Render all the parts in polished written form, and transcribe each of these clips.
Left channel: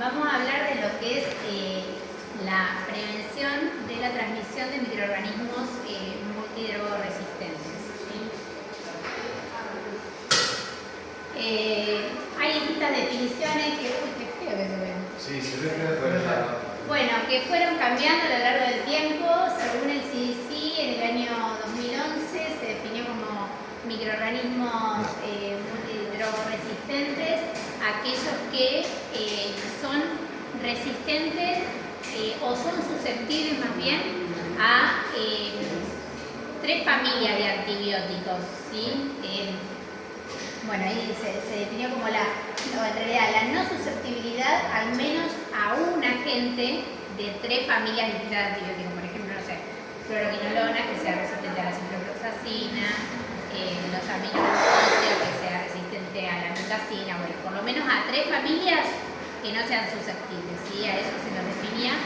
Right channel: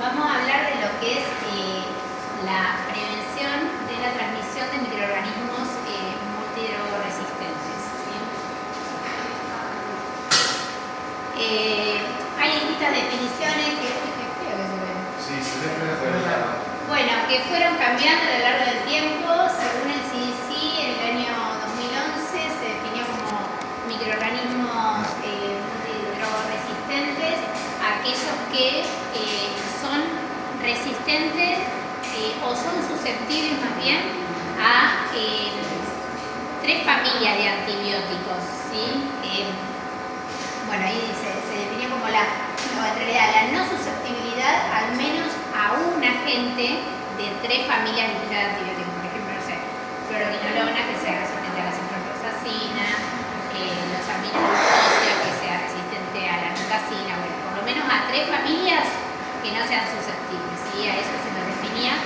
Vamos a hablar de lo que es la prevención de la transmisión de microorganismos multidrogoresistentes. ¿Sí? Hay distintas definiciones que... Uy, qué feo que se ven. Sí, se ve feo por el lado. Bueno, que fueron cambiando a lo largo del tiempo. Según el CDC, en el año 2011 se definió como microorganismos multidrogoresistentes aquellos que son resistentes o son susceptibles más bien a 3 familias de antibióticos, ¿sí? Bueno, ahí se definió como en realidad la no susceptibilidad al menos a un agente de 3 familias distintas de antibióticos. Por ejemplo, no sé, fluoroquinolona, que sea resistente a la ciprofloxacina, los aminoglucósidos, que sea resistente a la micacina. Bueno, por lo menos a 3 familias que no sean susceptibles, ¿sí? A eso se nos definía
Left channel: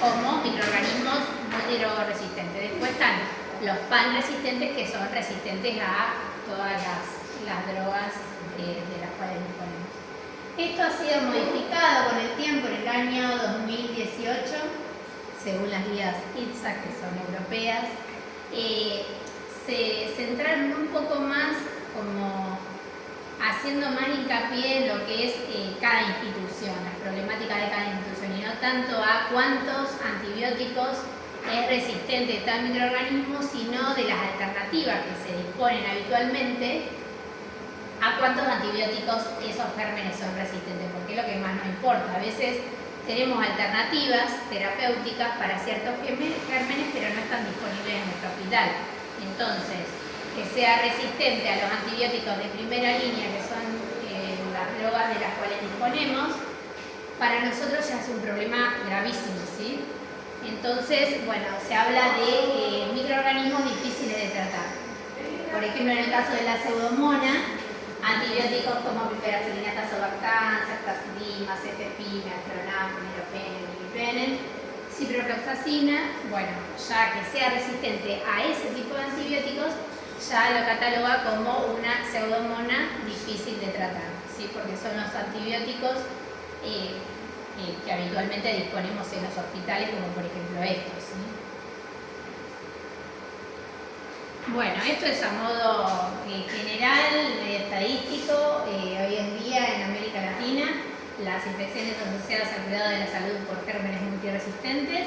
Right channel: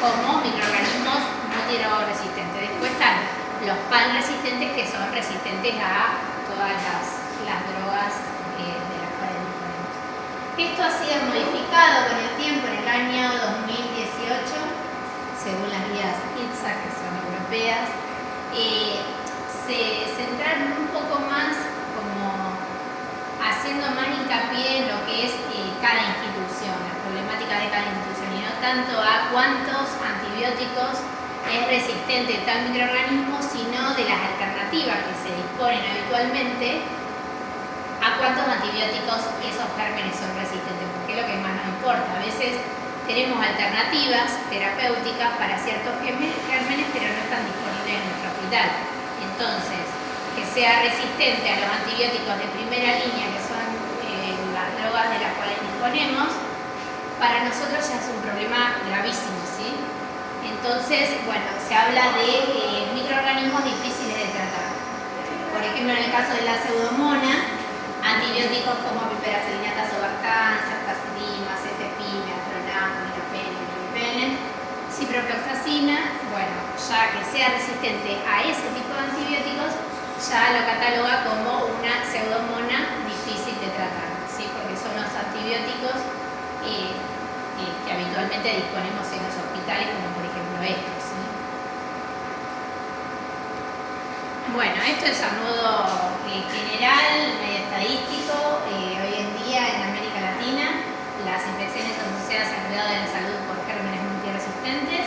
como microorganismos multidrogoresistentes. Después están los pan resistentes, que son resistentes a todas las drogas de las cuales disponemos. Esto ha sido modificado con el tiempo en el año 2018, según las guías ITSA, que son europeas. Se centraron un poco más como haciendo más hincapié en lo que es cada institución, la problemática de cada institución, y no tanto a cuántos antibióticos es resistente tal microorganismo, sino de las alternativas que se disponen habitualmente a cuántos antibióticos esos gérmenes son resistentes, porque es lo que más nos importa. A veces tenemos alternativas terapéuticas para ciertos gérmenes, pero no están disponibles en nuestro hospital. Entonces, que sea resistente a los antibióticos de primera línea, que son las drogas de las cuales disponemos, para nosotros ya es un problema gravísimo, ¿sí? Entonces, bueno, se habla de microorganismos difíciles de tratar. Por ejemplo, en el caso de la pseudomonas, antibióticos como piperacilina, tazobactam, ceftazidima, cefepime, atronam, miropene, imipenem, ciprofloxacina. Bueno, ya que sea resistente a ese tipo de antibióticos, ya lo cataloga como una pseudomona difícil de tratar, ¿sí? Porque son los antibióticos que habitualmente disponemos en los hospitales, como por ejemplo estos, ¿sí? Bueno, esto es a modo general, medio estadístico. Hoy en día en América Latina las infecciones asociadas al cuidado de la salud por gérmenes multiresistentes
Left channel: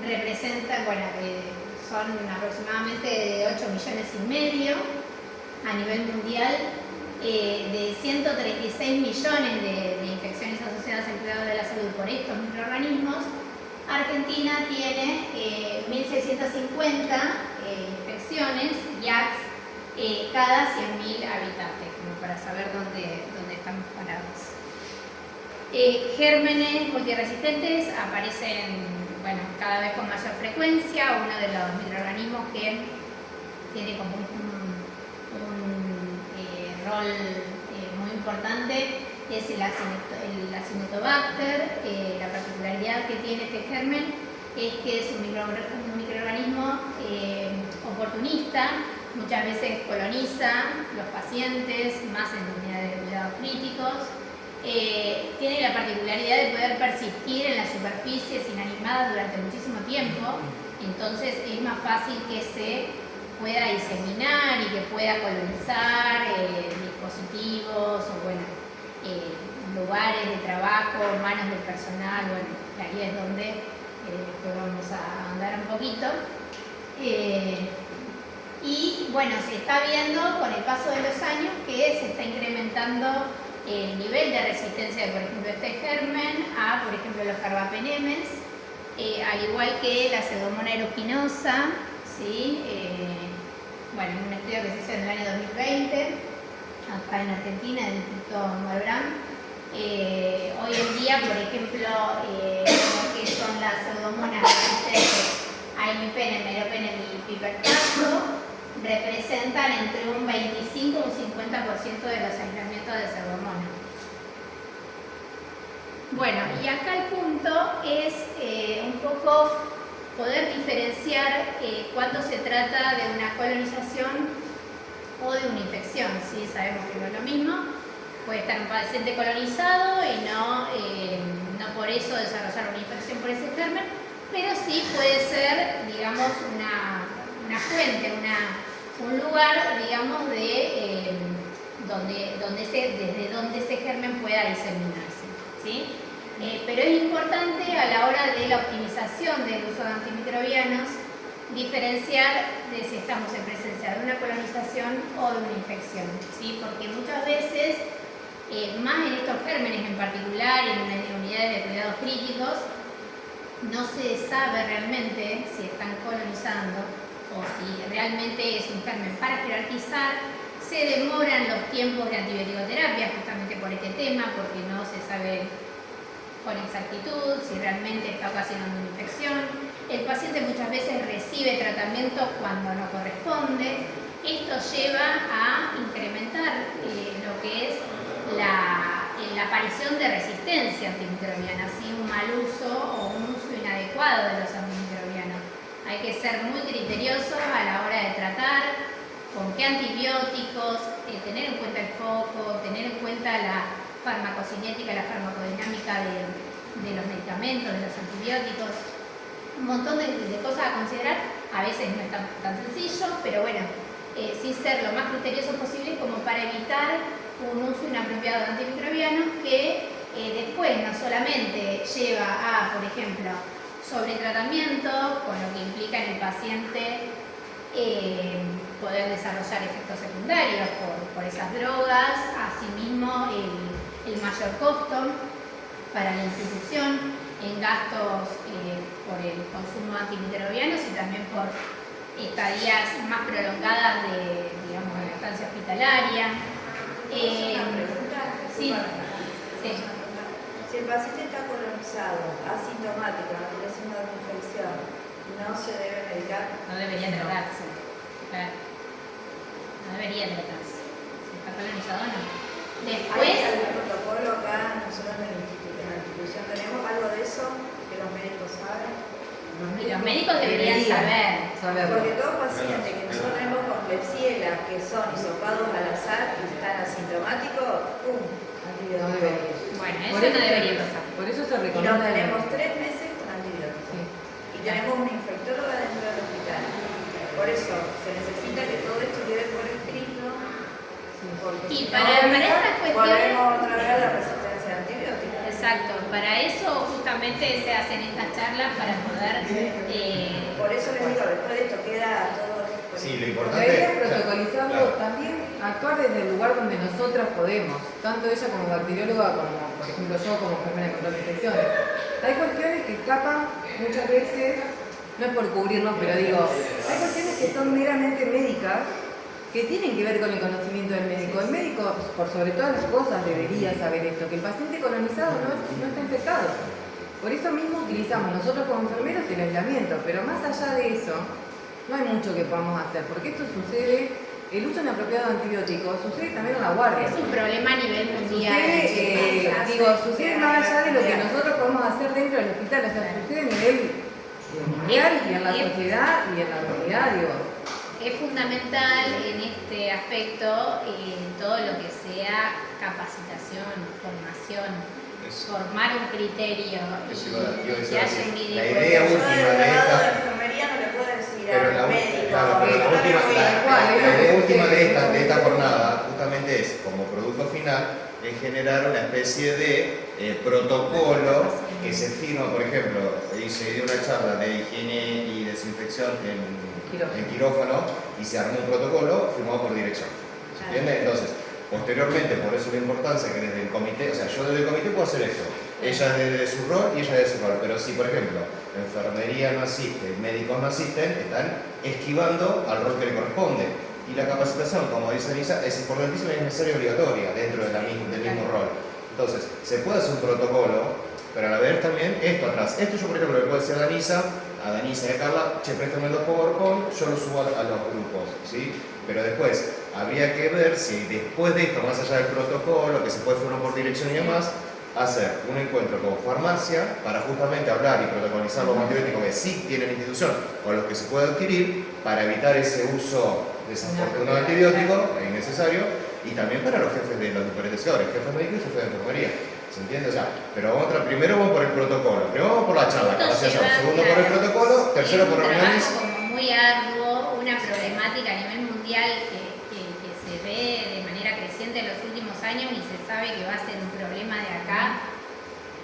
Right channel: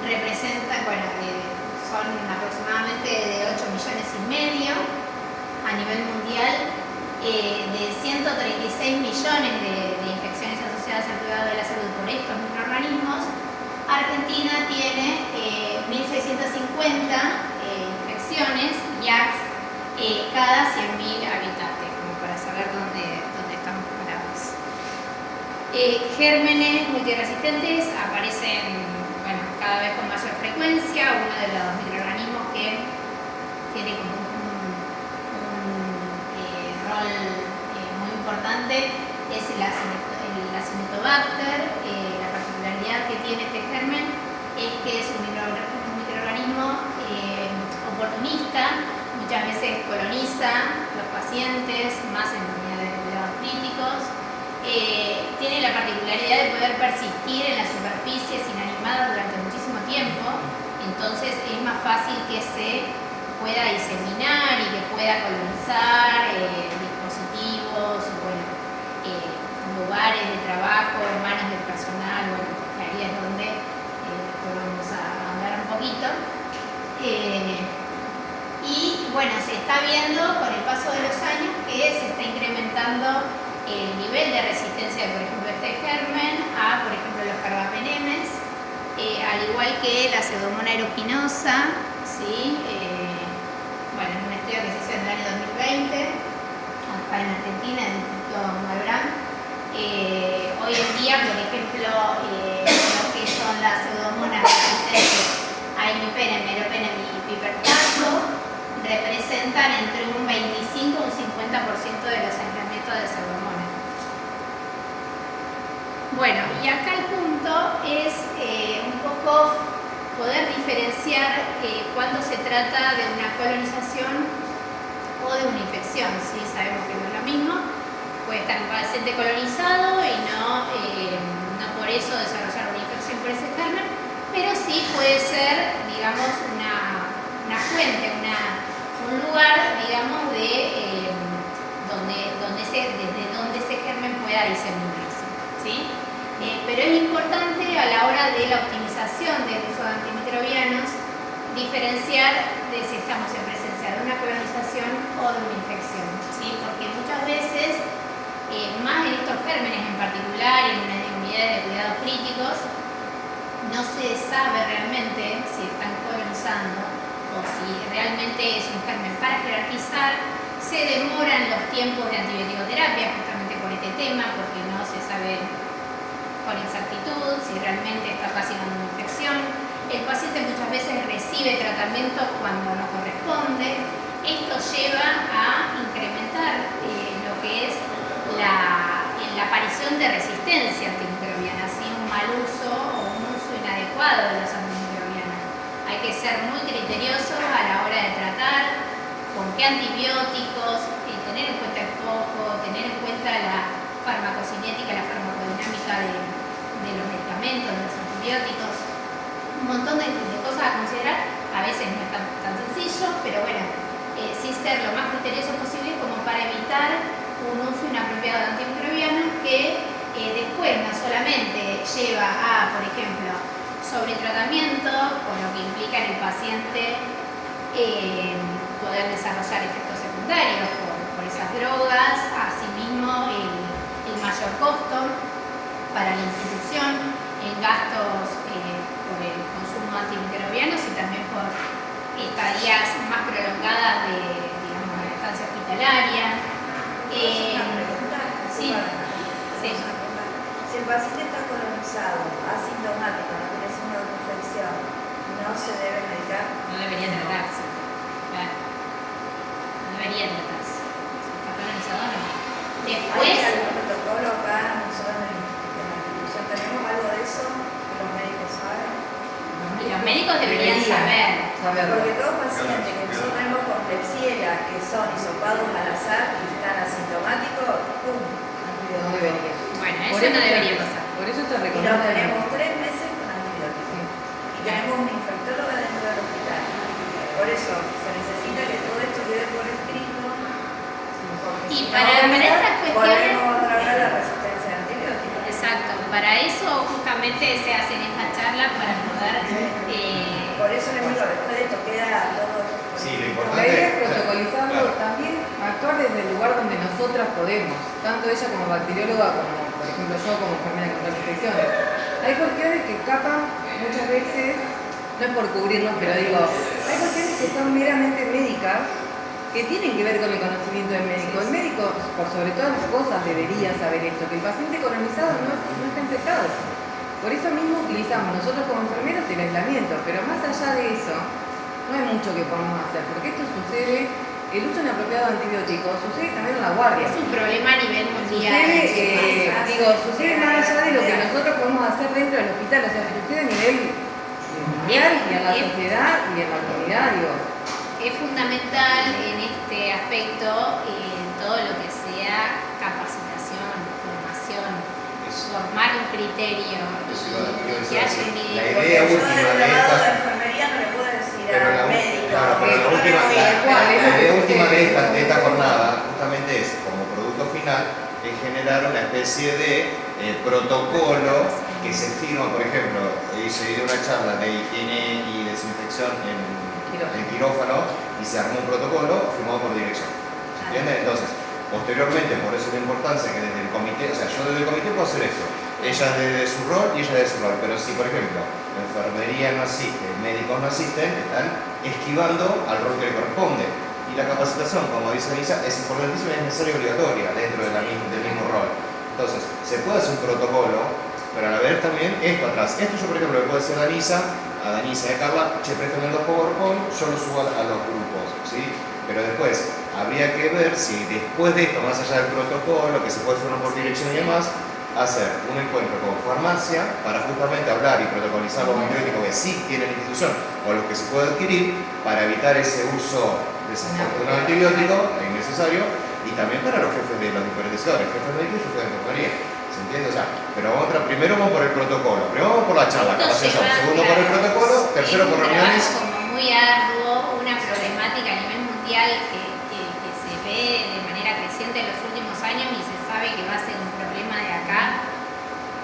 representan, son aproximadamente de 8,5 millones a nivel mundial. De 136 millones de infecciones asociadas al cuidado de la salud por estos microorganismos, Argentina tiene 1.650 infecciones, IACs, cada 100.000 habitantes, como para saber dónde estamos parados. Gérmenes multiresistentes aparecen cada vez con mayor frecuencia. Uno de los microorganismos que tiene como un rol muy importante es el Acinetobacter. La particularidad que tiene este germen es que es un microorganismo oportunista, muchas veces coloniza los pacientes, más en unidades de cuidados críticos. Tiene la particularidad de poder persistir en las superficies inanimadas durante muchísimo tiempo, entonces es más fácil que se pueda diseminar y que pueda colonizar dispositivos o lugares de trabajo, manos del personal. Que ahí es donde después vamos a hablar un poquito. Y se está viendo con el paso de los años que se está incrementando el nivel de resistencia de, por ejemplo, este germen a, por ejemplo, los carbapenemes, al igual que la pseudomonas aeruginosa, ¿sí? En un estudio que se hizo en el año 2020, acá en Argentina, en el Instituto Malbrán. Hoy en día, por ejemplo, lo que son las pseudomonas resistentes a imipenem, meropenem y pipertazo, representan entre un 25 y un 50% de los aislamientos de pseudomonas. Y acá el punto es un poco poder diferenciar cuando se trata de una colonización o de una infección, ¿sí? Sabemos que no es lo mismo. Puede estar un paciente colonizado y no puede ser, digamos, una fuente, un lugar, digamos, de desde donde ese germen pueda diseminarse, ¿sí? Pero es importante a la hora de la optimización del uso de antimicrobianos diferenciar de si estamos en presencia de una colonización o de una infección, ¿sí? Porque muchas veces, más en estos gérmenes en particular y en unidades de cuidados críticos, no se sabe realmente si están colonizando o si realmente es un germen para jerarquizar. Se demoran los tiempos de antibiótico-terapia justamente por este tema, porque no se sabe con exactitud si realmente está ocasionando una infección. El paciente muchas veces recibe tratamientos cuando no corresponde. Esto lleva a incrementar lo que es la aparición de resistencia antimicrobiana, ¿sí? Un mal uso o un uso inadecuado de los antimicrobianos. Hay que ser muy criteriosos a la hora de tratar, con qué antibióticos, tener en cuenta el foco, tener en cuenta la farmacocinética, la farmacodinámica de los medicamentos, de los antibióticos. Un montón de cosas a considerar. A veces no es tan sencillo, pero bueno, sí ser lo más criterioso posible como para evitar un uso inapropiado de antimicrobianos que después no solamente lleva a, por ejemplo, sobretratamiento, con lo que implica en el paciente poder desarrollar efectos secundarios por esas drogas, asimismo el mayor costo para la institución en gastos por el consumo de antimicrobianos y también por estadías más prolongadas de, digamos, la estancia hospitalaria. Sí. Si el paciente está colonizado, asintomático, no tiene signo de infección, no se debe medicar. No debería tratarse. Claro. No debería tratarse. Si está colonizado, no. Después. ¿Hay algún protocolo acá nosotros en la institución? ¿Tenemos algo de eso que los médicos saben? Los médicos deberían saber. Porque todo paciente que nosotros tenemos con Klebsiella, que son hisopados al azar y están asintomáticos, ¡pum! No debería. Bueno, eso no debería pasar. Por eso se Y lo recomienda. tenemos 3 meses con antibióticos. Sí. Y tenemos una infectóloga dentro del hospital. Por eso se necesita que todo esto quede por escrito. Porque Y si no, para estas cuestiones. volvemos otra vez a la resistencia a antibióticos. Exacto, para eso justamente se hacen estas charlas para poder. Por eso les digo, después de esto queda todo. Sí, lo La importante idea es o sea, protocolizarlo, claro. también actuar desde el lugar donde nosotras podemos, tanto ella como bacterióloga, como por ejemplo yo como enfermera contra infecciones. Hay cuestiones que escapan muchas veces, no es por cubrirnos, pero digo, hay cuestiones que son meramente médicas, que tienen que ver con el conocimiento del médico. El médico, por sobre todas las cosas, debería saber esto, que el paciente colonizado no está infectado. Por eso mismo utilizamos nosotros como enfermeros el aislamiento, pero más allá de eso, no hay mucho que podamos hacer, porque esto sucede, el uso inapropiado de antibióticos sucede también en la guardia. Es un problema a nivel mundial. Sucede más allá de lo que nosotros podemos hacer dentro del hospital, o sea, sucede a nivel mundial y en la sociedad y en la comunidad, digo. Es fundamental en este aspecto todo lo que sea capacitación, formación, formar un criterio, que haya un La médico. idea Yo última del de lado de esta. enfermería no le puedo decir Pero al médico. claro, pero la no última, tengo idea. la idea última de esta jornada justamente es, como producto final, es generar una especie de protocolo que se firma, por ejemplo, se dio una charla de higiene y desinfección en quirófano y se armó un protocolo firmado por dirección. ¿Se entiende? Entonces, posteriormente, por eso la importancia que desde el comité, o sea, yo desde el comité puedo hacer esto, ella desde su rol y ella desde su rol, pero si, por ejemplo, enfermería no asiste, médicos no asisten, están esquivando al rol que le corresponde. Y la capacitación, como dice Anisa, es importantísima y es necesaria y obligatoria dentro del mismo rol. Entonces, se puede hacer un protocolo, pero a la vez también esto atrás. Esto yo, por ejemplo, le puedo decir a Danisa y a Carla, che, préstame los PowerPoint, yo los subo a los grupos, ¿sí? Pero después, habría que ver si después de esto, más allá del protocolo, que se puede formar por dirección y demás, hacer un encuentro con farmacia para justamente hablar y protocolizar los antibióticos que sí tiene la institución o los que se puede adquirir para evitar ese uso desafortunado de antibiótico innecesario, y también para los jefes de los diferentes sectores, jefes médicos y jefes de enfermería. ¿Se ¿Se entiende? O sea, pero primero vamos por el protocolo, primero vamos por la charla, Esto capacitación, lleva, segundo por el claro, protocolo, tercero por un reuniones. trabajo como muy arduo, una problemática a nivel mundial que se ve de manera creciente en los últimos años y se sabe que va a ser un problema de acá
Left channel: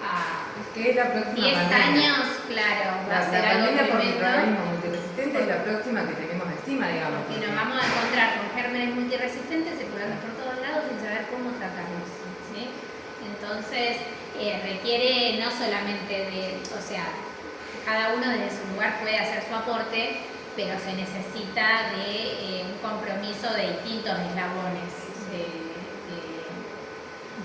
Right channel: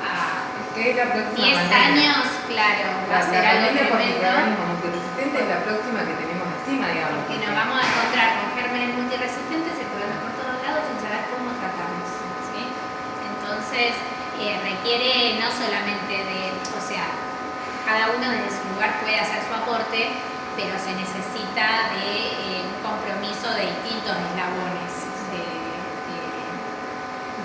a Es que es la próxima 10 pandemia. años, claro, va La a ser algo pandemia por tremendo. microorganismo multiresistente es la próxima que tenemos encima, digamos. Que nos vamos a encontrar con gérmenes multiresistentes circulando por todos lados sin saber cómo tratarlos. ¿Sí? Entonces, requiere no solamente o sea, cada uno desde su lugar puede hacer su aporte, pero se necesita de un compromiso de distintos eslabones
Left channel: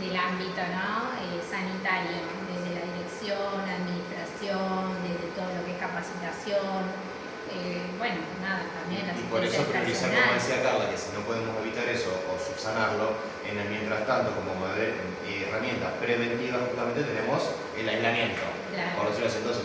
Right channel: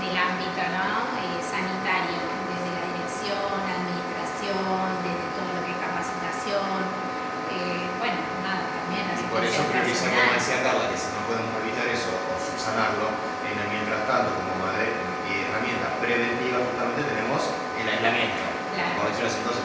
del ámbito, ¿no? Sanitario, desde la dirección, la administración, desde todo lo que es capacitación. Bueno, nada, también la Y por eso priorizar, como personal. decía Carla, que si no podemos evitar eso o subsanarlo, en el mientras tanto, como herramienta preventiva, justamente tenemos el aislamiento, Claro. por decirlo así. Entonces,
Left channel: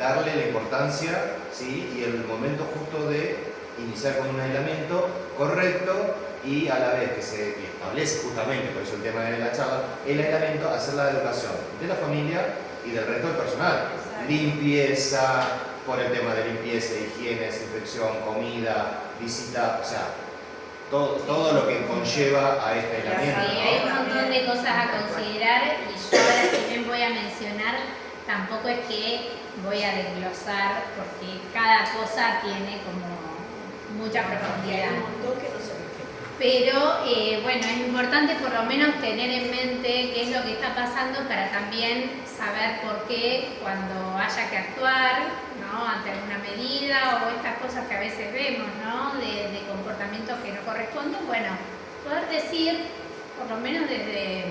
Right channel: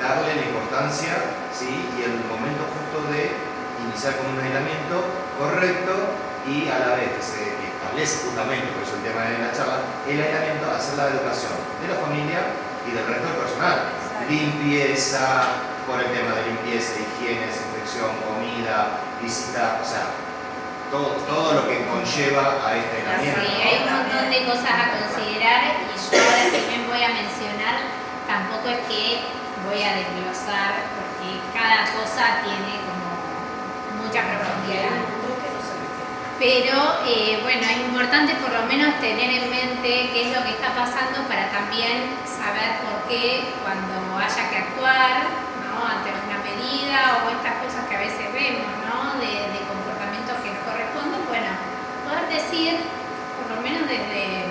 darle la importancia, ¿sí? Y el momento justo de iniciar con un aislamiento correcto y a la vez que se establece justamente, por eso el tema de la charla, el aislamiento, hacer la educación de la familia y del resto del personal. Exacto. Limpieza, por el tema de limpieza, higiene, desinfección, comida, visita, o sea, todo lo que conlleva a este aislamiento. Sí, ¿no? hay un montón de cosas a considerar y yo ahora si bien voy a mencionar, tampoco es que voy a desglosar porque cada cosa tiene como mucha profundidad. Pero bueno, es importante por lo menos tener en mente qué es lo que está pasando para también saber por qué cuando haya que actuar, ¿no? Ante alguna medida o estas cosas que a veces vemos, ¿no? de comportamientos que no corresponden, bueno, poder decir, por lo menos desde...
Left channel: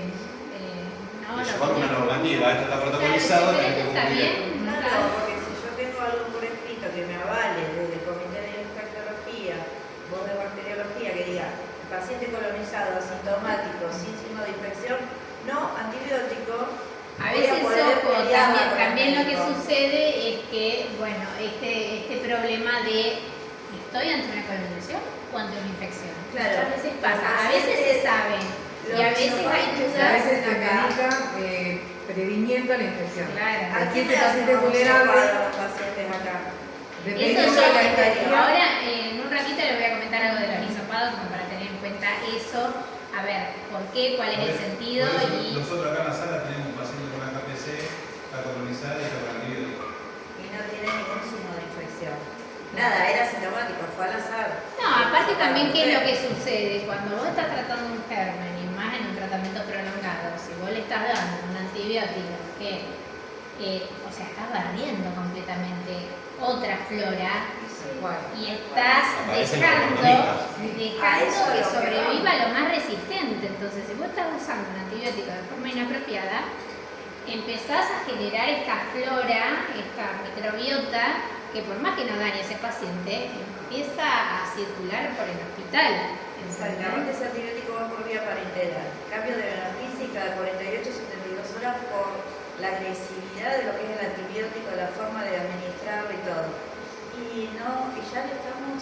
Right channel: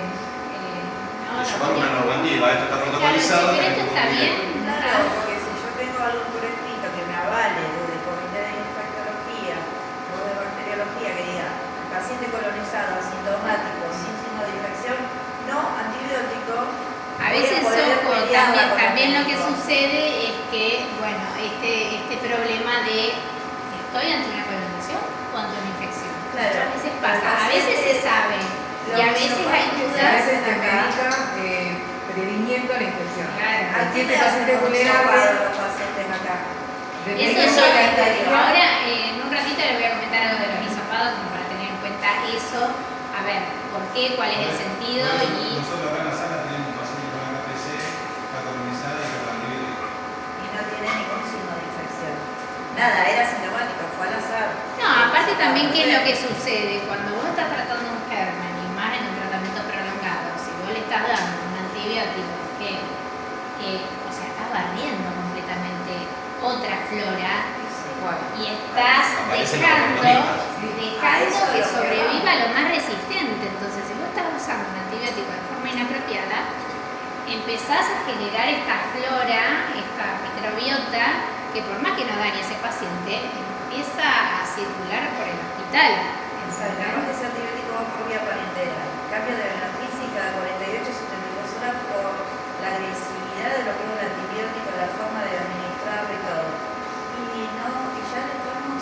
¿no? Llevar una normativa, esto está protocolizado, Claro, tenés que esto está cumplir. bien. Claro, porque si yo tengo algo por escrito que me avale desde el comité de infectología o de bacteriología que diga paciente colonizado, asintomático, sin signo de infección, no antibiótico. A veces, voy a poder ojo, pelearla con el también lo que médico. sucede es que, bueno, este problema de ¿estoy ante una colonización o ante una infección? Claro. Muchas veces pasa, a veces se sabe y a veces hay A dudas. veces se medica previniendo la infección. Claro. Aquí Aquí este me hacen paciente vulnerable, los pacientes acá. Eso dependiendo yo de la te digo. estadía. Ahora, en un ratito les voy a comentar algo de los hisopados como para tener en cuenta eso, a ver, por qué, cuál es el sentido Por eso, y... nosotros acá en la sala tenemos un paciente con HPC, está colonizada y con antibiótico. Y no tiene ningún signo de infección. Nada, era sintomático, fue al azar. No, aparte también, ¿qué es lo que sucede? Cuando vos estás tratando un germen, y más en un tratamiento prolongado, si vos le estás dando un antibiótico que, o sea, estás barriendo completamente otra flora Igual. y estás Aparecen los dejando oportunistas. que sobreviva lo más resistente. Entonces, si vos estás usando un antibiótico de forma inapropiada, empezás a generar esta flora, esta microbiota, que por más que no dañe ese paciente, empieza a circular por el hospital. Exactamente, ese antibiótico va por vía parenteral. Cambio de la crisis cada 48-72 horas por la agresividad de lo que es el antibiótico, la forma de administrarlo y todo. Y ya le estamos,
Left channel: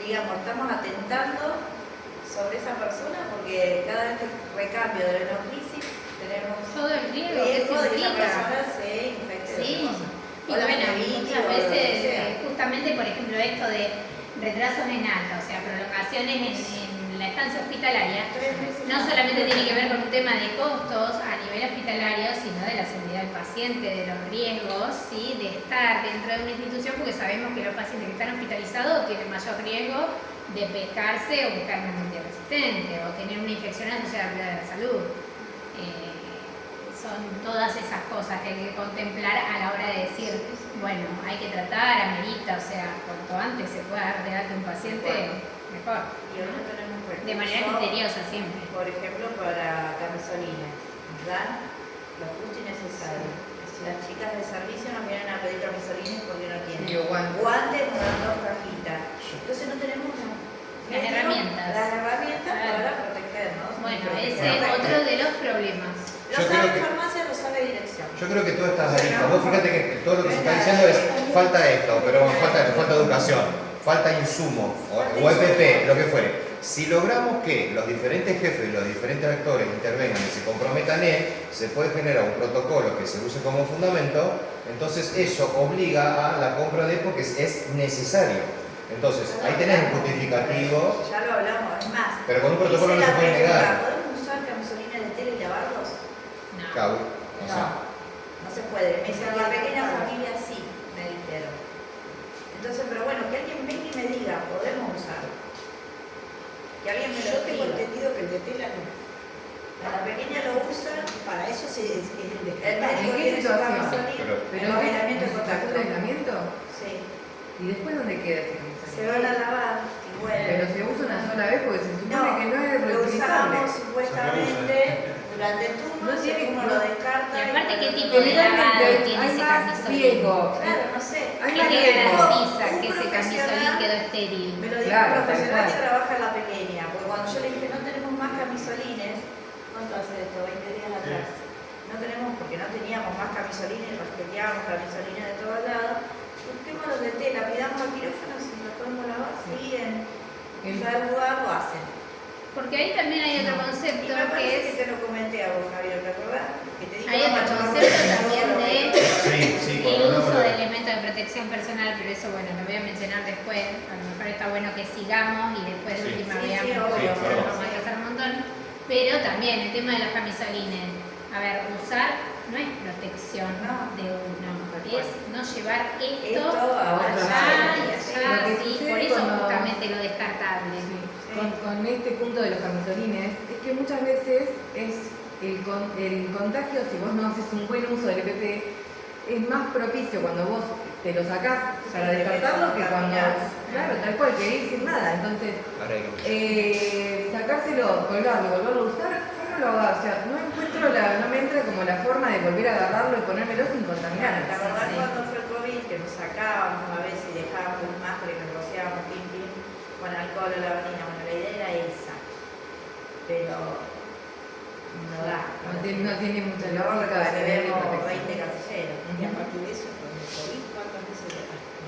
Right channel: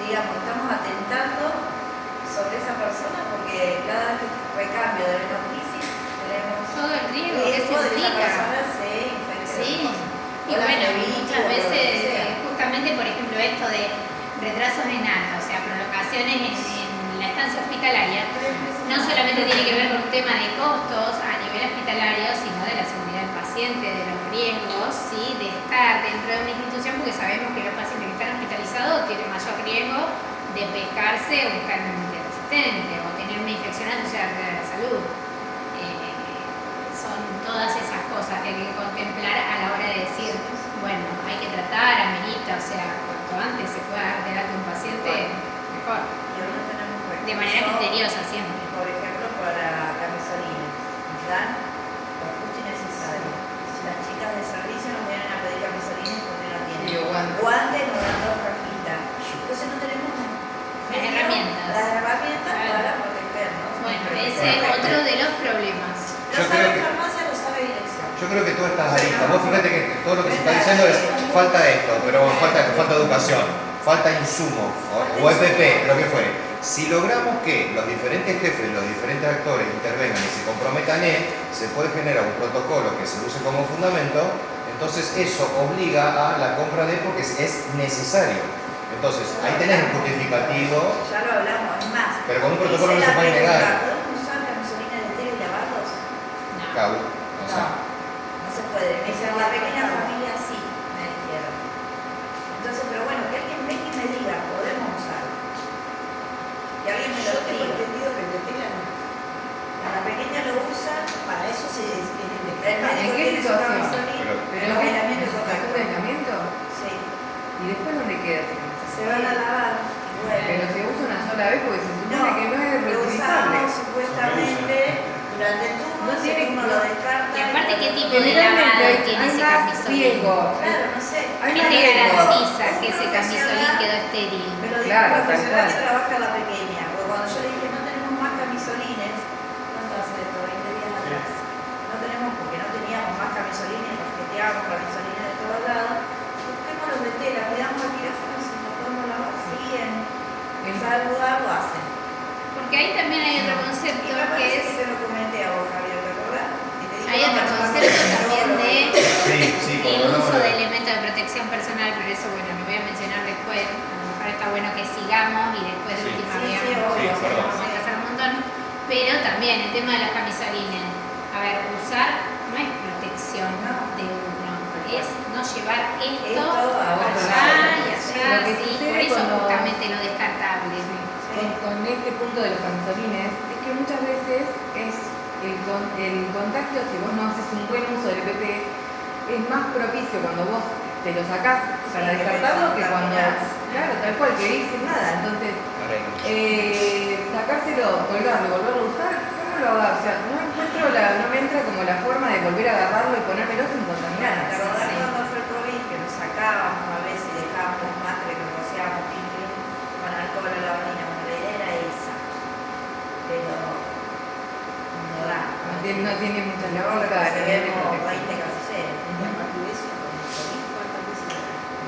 estamos atentando sobre esa persona porque cada vez que recambio de venocrisis tenemos Todo el riesgo que se riesgo de que esa implica. persona se infecte. Sí, y O la bueno, flebitis, muchas o lo que veces, sea. justamente por ejemplo esto de retrasos en alta, o sea, prolongaciones en la estancia hospitalaria, no solamente tiene que ver con un tema de costos a nivel hospitalario, sino de la seguridad del paciente, de los riesgos, ¿sí? De estar dentro de una institución, porque sabemos que los pacientes que están hospitalizados tienen mayor riesgo de pescarse un germen multiresistente o tener una infección asociada a la salud. Son todas esas cosas que hay que contemplar a la hora de decir, bueno, hay que tratar, amerita, o sea, cuanto antes se pueda dar de alta un paciente, mejor. Y ahora tenemos De manera criteriosa siempre. Por ejemplo, para camisolines, nos dan lo justo y necesario. Si las chicas de servicio nos vienen a pedir camisolines porque no tienen. Sí, o guantes. Guantes nos dan 2 cajitas. Entonces no tenemos Las herramientas. Las herramientas Claro. para protegernos. Bueno, ese es otro de los problemas. Lo Yo sabe creo que- farmacia, lo sabe dirección. Yo creo que tú estás arista. Vos fíjate que todo lo que se está diciendo es falta esto, pero falta educación, falta insumos, o EPP, lo que fue. si logramos que los diferentes jefes, los diferentes actores intervengan y se comprometan se puede generar un protocolo que se use como fundamento, entonces eso obliga a la compra de porque es necesario. Entonces, ahí tenés un justificativo. Ya lo hablamos, es más. Pero con un protocolo no se puede negar. ¿Podemos usar camisolina de tela y lavarlos? No. Cabo, o sea, No se puede. Me dicen, la pequeña familia sí, me dijeron. Entonces, pero bueno, que alguien venga y me diga, podemos usarlo. Que alguien me lo Yo tengo diga. entendido que el de tela no. La pequeña lo usa. Para eso se es el El descartable. médico qué tiene su situación? camisolina. Pero En ¿no es aislamiento y un contacto. aislamiento? Sí. ¿Y después dónde queda ese camisón? Se van a lavar. Y bueno. Pero se usa una sola vez porque se supone que no es lo reutilizable. usamos supuestamente durante el turno, No tiene- el turno no. lo descarta. Y aparte, ¿qué tipo de Generalmente lavado hay tiene ese más camisolín? riesgo. Claro, no sé. Hay ¿Qué más te riesgo. garantiza Un que ese profesional- camisolín quedó estéril? Me lo dijo Claro, un tal profesional cual. que trabaja en la pequeña, porque cuando yo le dije no tenemos más camisolines, ¿cuánto hace esto? 20 días atrás. No tenemos porque no teníamos más camisolines, rasqueteábamos camisolines de todos lados. Busquemos los de tela, pidamos al quirófano si los podemos lavar, sí, en salvo algo hacen. Porque ahí también hay otro Y concepto me que parece es... que te lo comenté a vos, Javier, ¿te acordás? Que te dije, Hay vamos otro a tomar concepto café, también luego lo de sí, el cuando uso hablamos de de- elementos de protección personal, pero eso bueno, lo voy a mencionar después. A lo mejor está bueno que sigamos y después de Sí. última Sí, veamos, sí, porque obvio, se perdón. nos va a atrasar un montón. Pero también el tema de los camisolines. A ver, usar no es protección No. de uno, es no llevar esto Esto a allá otro y lado. allá, Lo que sí, sucede por eso cuando- justamente lo descartable. Con este punto de los camisolines es que muchas veces es el contagio, si vos no haces un buen uso del EPP, es más propicio cuando vos te lo sacás para Sí, descartarlo que lo cuando, terminás. claro, tal cual, que ir sin nada. Entonces, arreglo. sacárselo, colgarlo y volverlo a usar, yo no lo hago, o sea, no me entra como la forma de volver a agarrarlo y ponérmelo sin contaminar. ¿Te acordás Sí. cuando fue el COVID que nos sacábamos a veces y dejábamos las máscaras y nos rociábamos pim pim con alcohol o lavandina? Bueno, la idea era esa. Pero no da. No tiene mucha No, lógica a nivel de tenemos 20 protección. casilleros. Y aparte de eso, con el COVID, ¿cuántas veces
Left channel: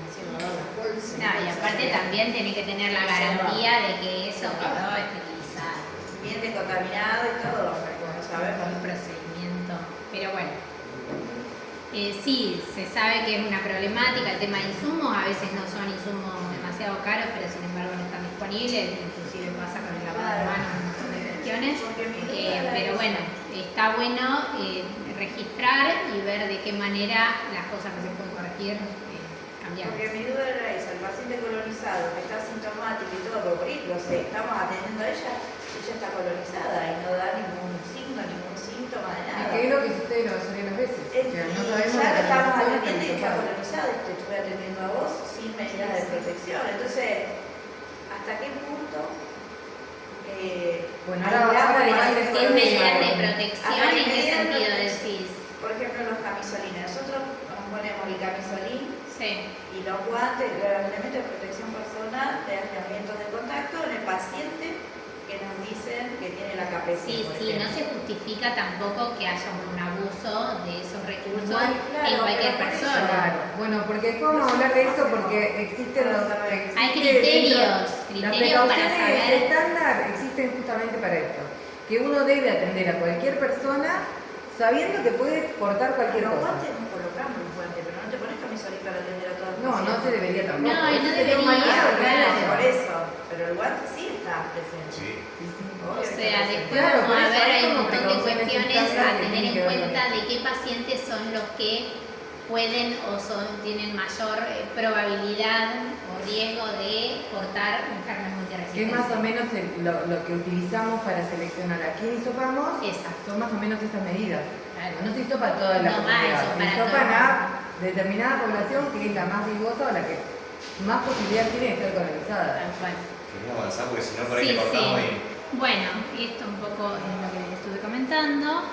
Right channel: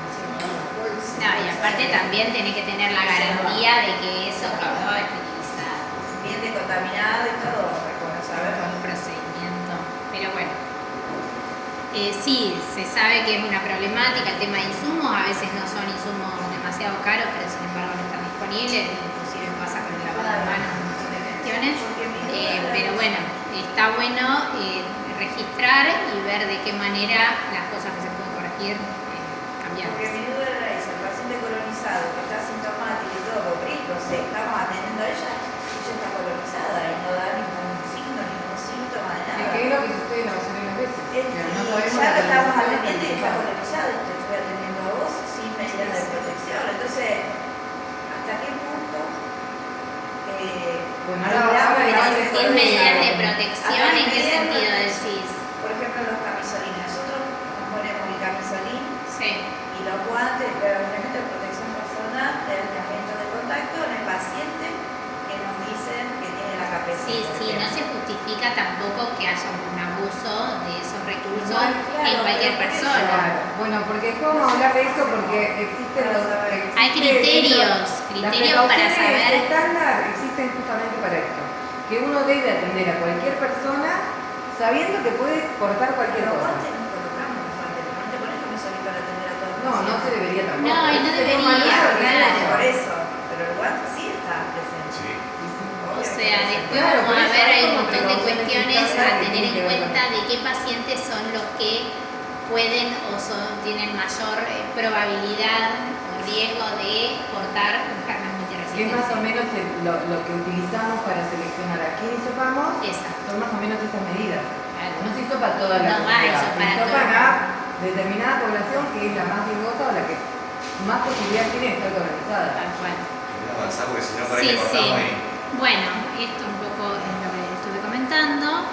hicieron la bolsa? No, y aparte también tiene que tener la garantía de que eso quedó esterilizado Bien decontaminado y todo, bueno, saber con un procedimiento. Pero bueno, sí, se sabe que es una problemática el tema de insumos, a veces no son insumos demasiado caros, pero sin embargo no están disponibles, inclusive pasa con el lavado de manos, un montón de cuestiones. Pero bueno, está bueno registrar y ver de qué manera las cosas que se pueden corregir cambiar. Porque mi duda era esa, el paciente colonizado que está sintomático y todo, porque no sé, estamos atendiendo a ella está colonizada y no da ningún signo, ningún síntoma de Es nada. que es lo que sucede la mayoría de las veces. O sea, no sabemos Ya la te estamos colonización hasta atendiendo y que está pasa. colonizada y te estoy atendiendo a vos sin medidas de protección. Entonces, ¿hasta qué punto? Bueno, hay ahora igual medidas después ¿Qué de- medidas de protección? Ajá, ¿En qué medidas de sentido protección. decís? Por ejemplo, los camisolines. Nosotros nos ponemos el camisolín Sí. y los guantes, los elementos de protección personal, de aislamiento de contacto en el paciente que nos dicen que tiene la KPC. Sí, por sí, no ejemplo. se justifica tampoco que haya un abuso de esos recursos Igual, claro, en cualquier pero por eso, persona. Claro. Bueno, porque después vamos a hablar de esto porque existen los... Hay criterios criterios para saber. estándar existen justamente para esto. Que uno debe atender a cualquier persona sabiendo que puede portar cualquier Los cosa. guantes nos colocamos los guantes, pero no te pones camisolín para atender a todos. No, no se debería tampoco. No, y no Ese sería un debería, mal uso de claro. recursos. Por eso, pero el guante sí está presente. Sí. O sea, después Claro, vamos por a eso ver, hay hay un como montón de precauciones cuestiones estándar a que tener tienen en que ver con cuenta eso. de qué pacientes son los que pueden o tienen mayor probabilidad o riesgo de portar un germen multiresistente. Que es más o menos lo que utilizamos para seleccionar a quién hisopamos, Exacto. son más o menos estas medidas. Claro. No se hisopa toda la No va a comunidad, se hisopar a hisopan todo. a determinada población que es la más riesgosa o la que más posibilidad tiene de estar colonizada. Tal cual. Queremos avanzar porque si no por ahí Sí, le cortamos sí. ahí. Bueno, esto un poco es lo que estuve comentando.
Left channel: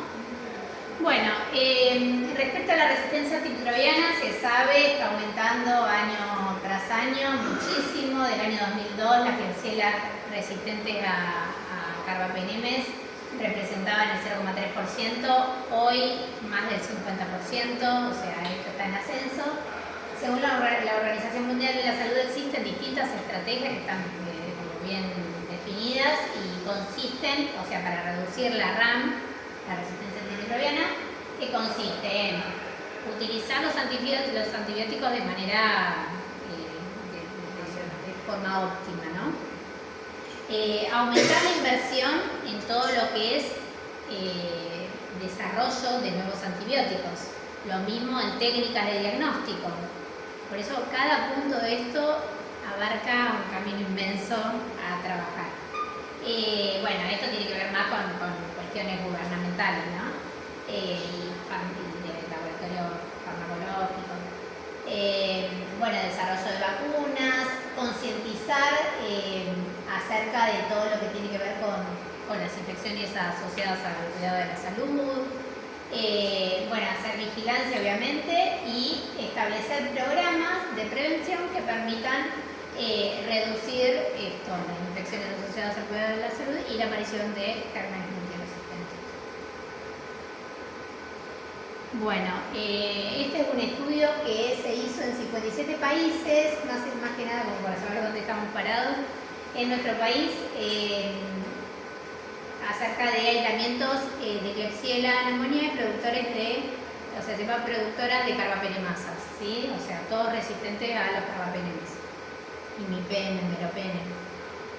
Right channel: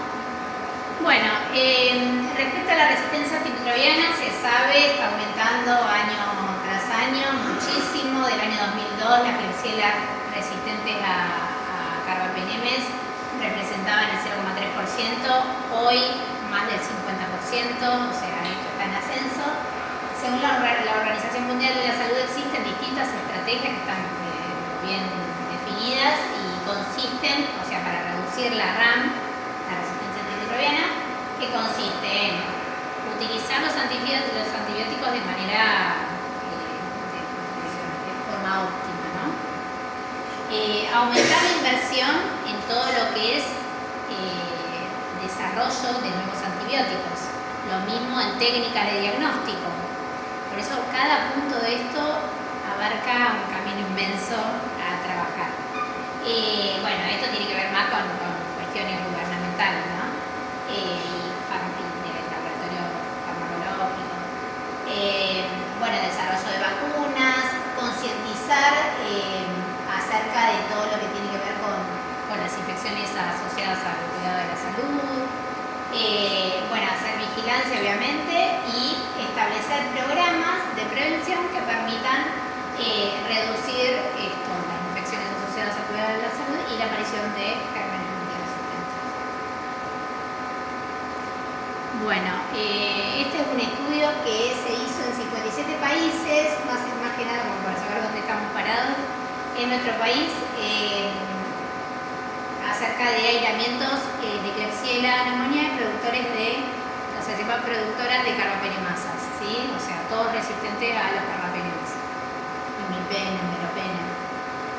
Bueno, respecto a la resistencia antimicrobiana, se sabe, está aumentando año tras año muchísimo. Del año 2002, las Klebsiella resistentes a carbapenemes representaban el 0,3%, hoy más del 50%, o sea, esto está en ascenso. Según la Organización Mundial de la Salud, existen distintas estrategias que están bien definidas y consisten, o sea, para reducir la RAM, la resistencia antimicrobiana, que consiste en utilizar los antibióticos de manera, de forma óptima, ¿no? Aumentar la inversión en todo lo que es desarrollo de nuevos antibióticos, lo mismo en técnicas de diagnóstico. Por eso cada punto de esto abarca un camino inmenso a trabajar. Bueno, esto tiene que ver más con cuestiones gubernamentales, ¿no? Y de laboratorio farmacológico. Bueno, desarrollo de vacunas, concientizar acerca de todo lo que tiene que ver con las infecciones asociadas al cuidado de la salud. Bueno, hacer vigilancia obviamente y establecer programas de prevención que permitan reducir las infecciones asociadas al cuidado de la salud y la aparición de gérmenes multiresistentes. Bueno, este es un estudio que se hizo en 57 países, más que nada como para saber dónde estamos parados en nuestro país, acerca de aislamientos de Klebsiella pneumoniae y productores se llama productoras de carbapenemasas, ¿sí? O sea, todos resistentes a los carbapenemas, imipenem, meropenem.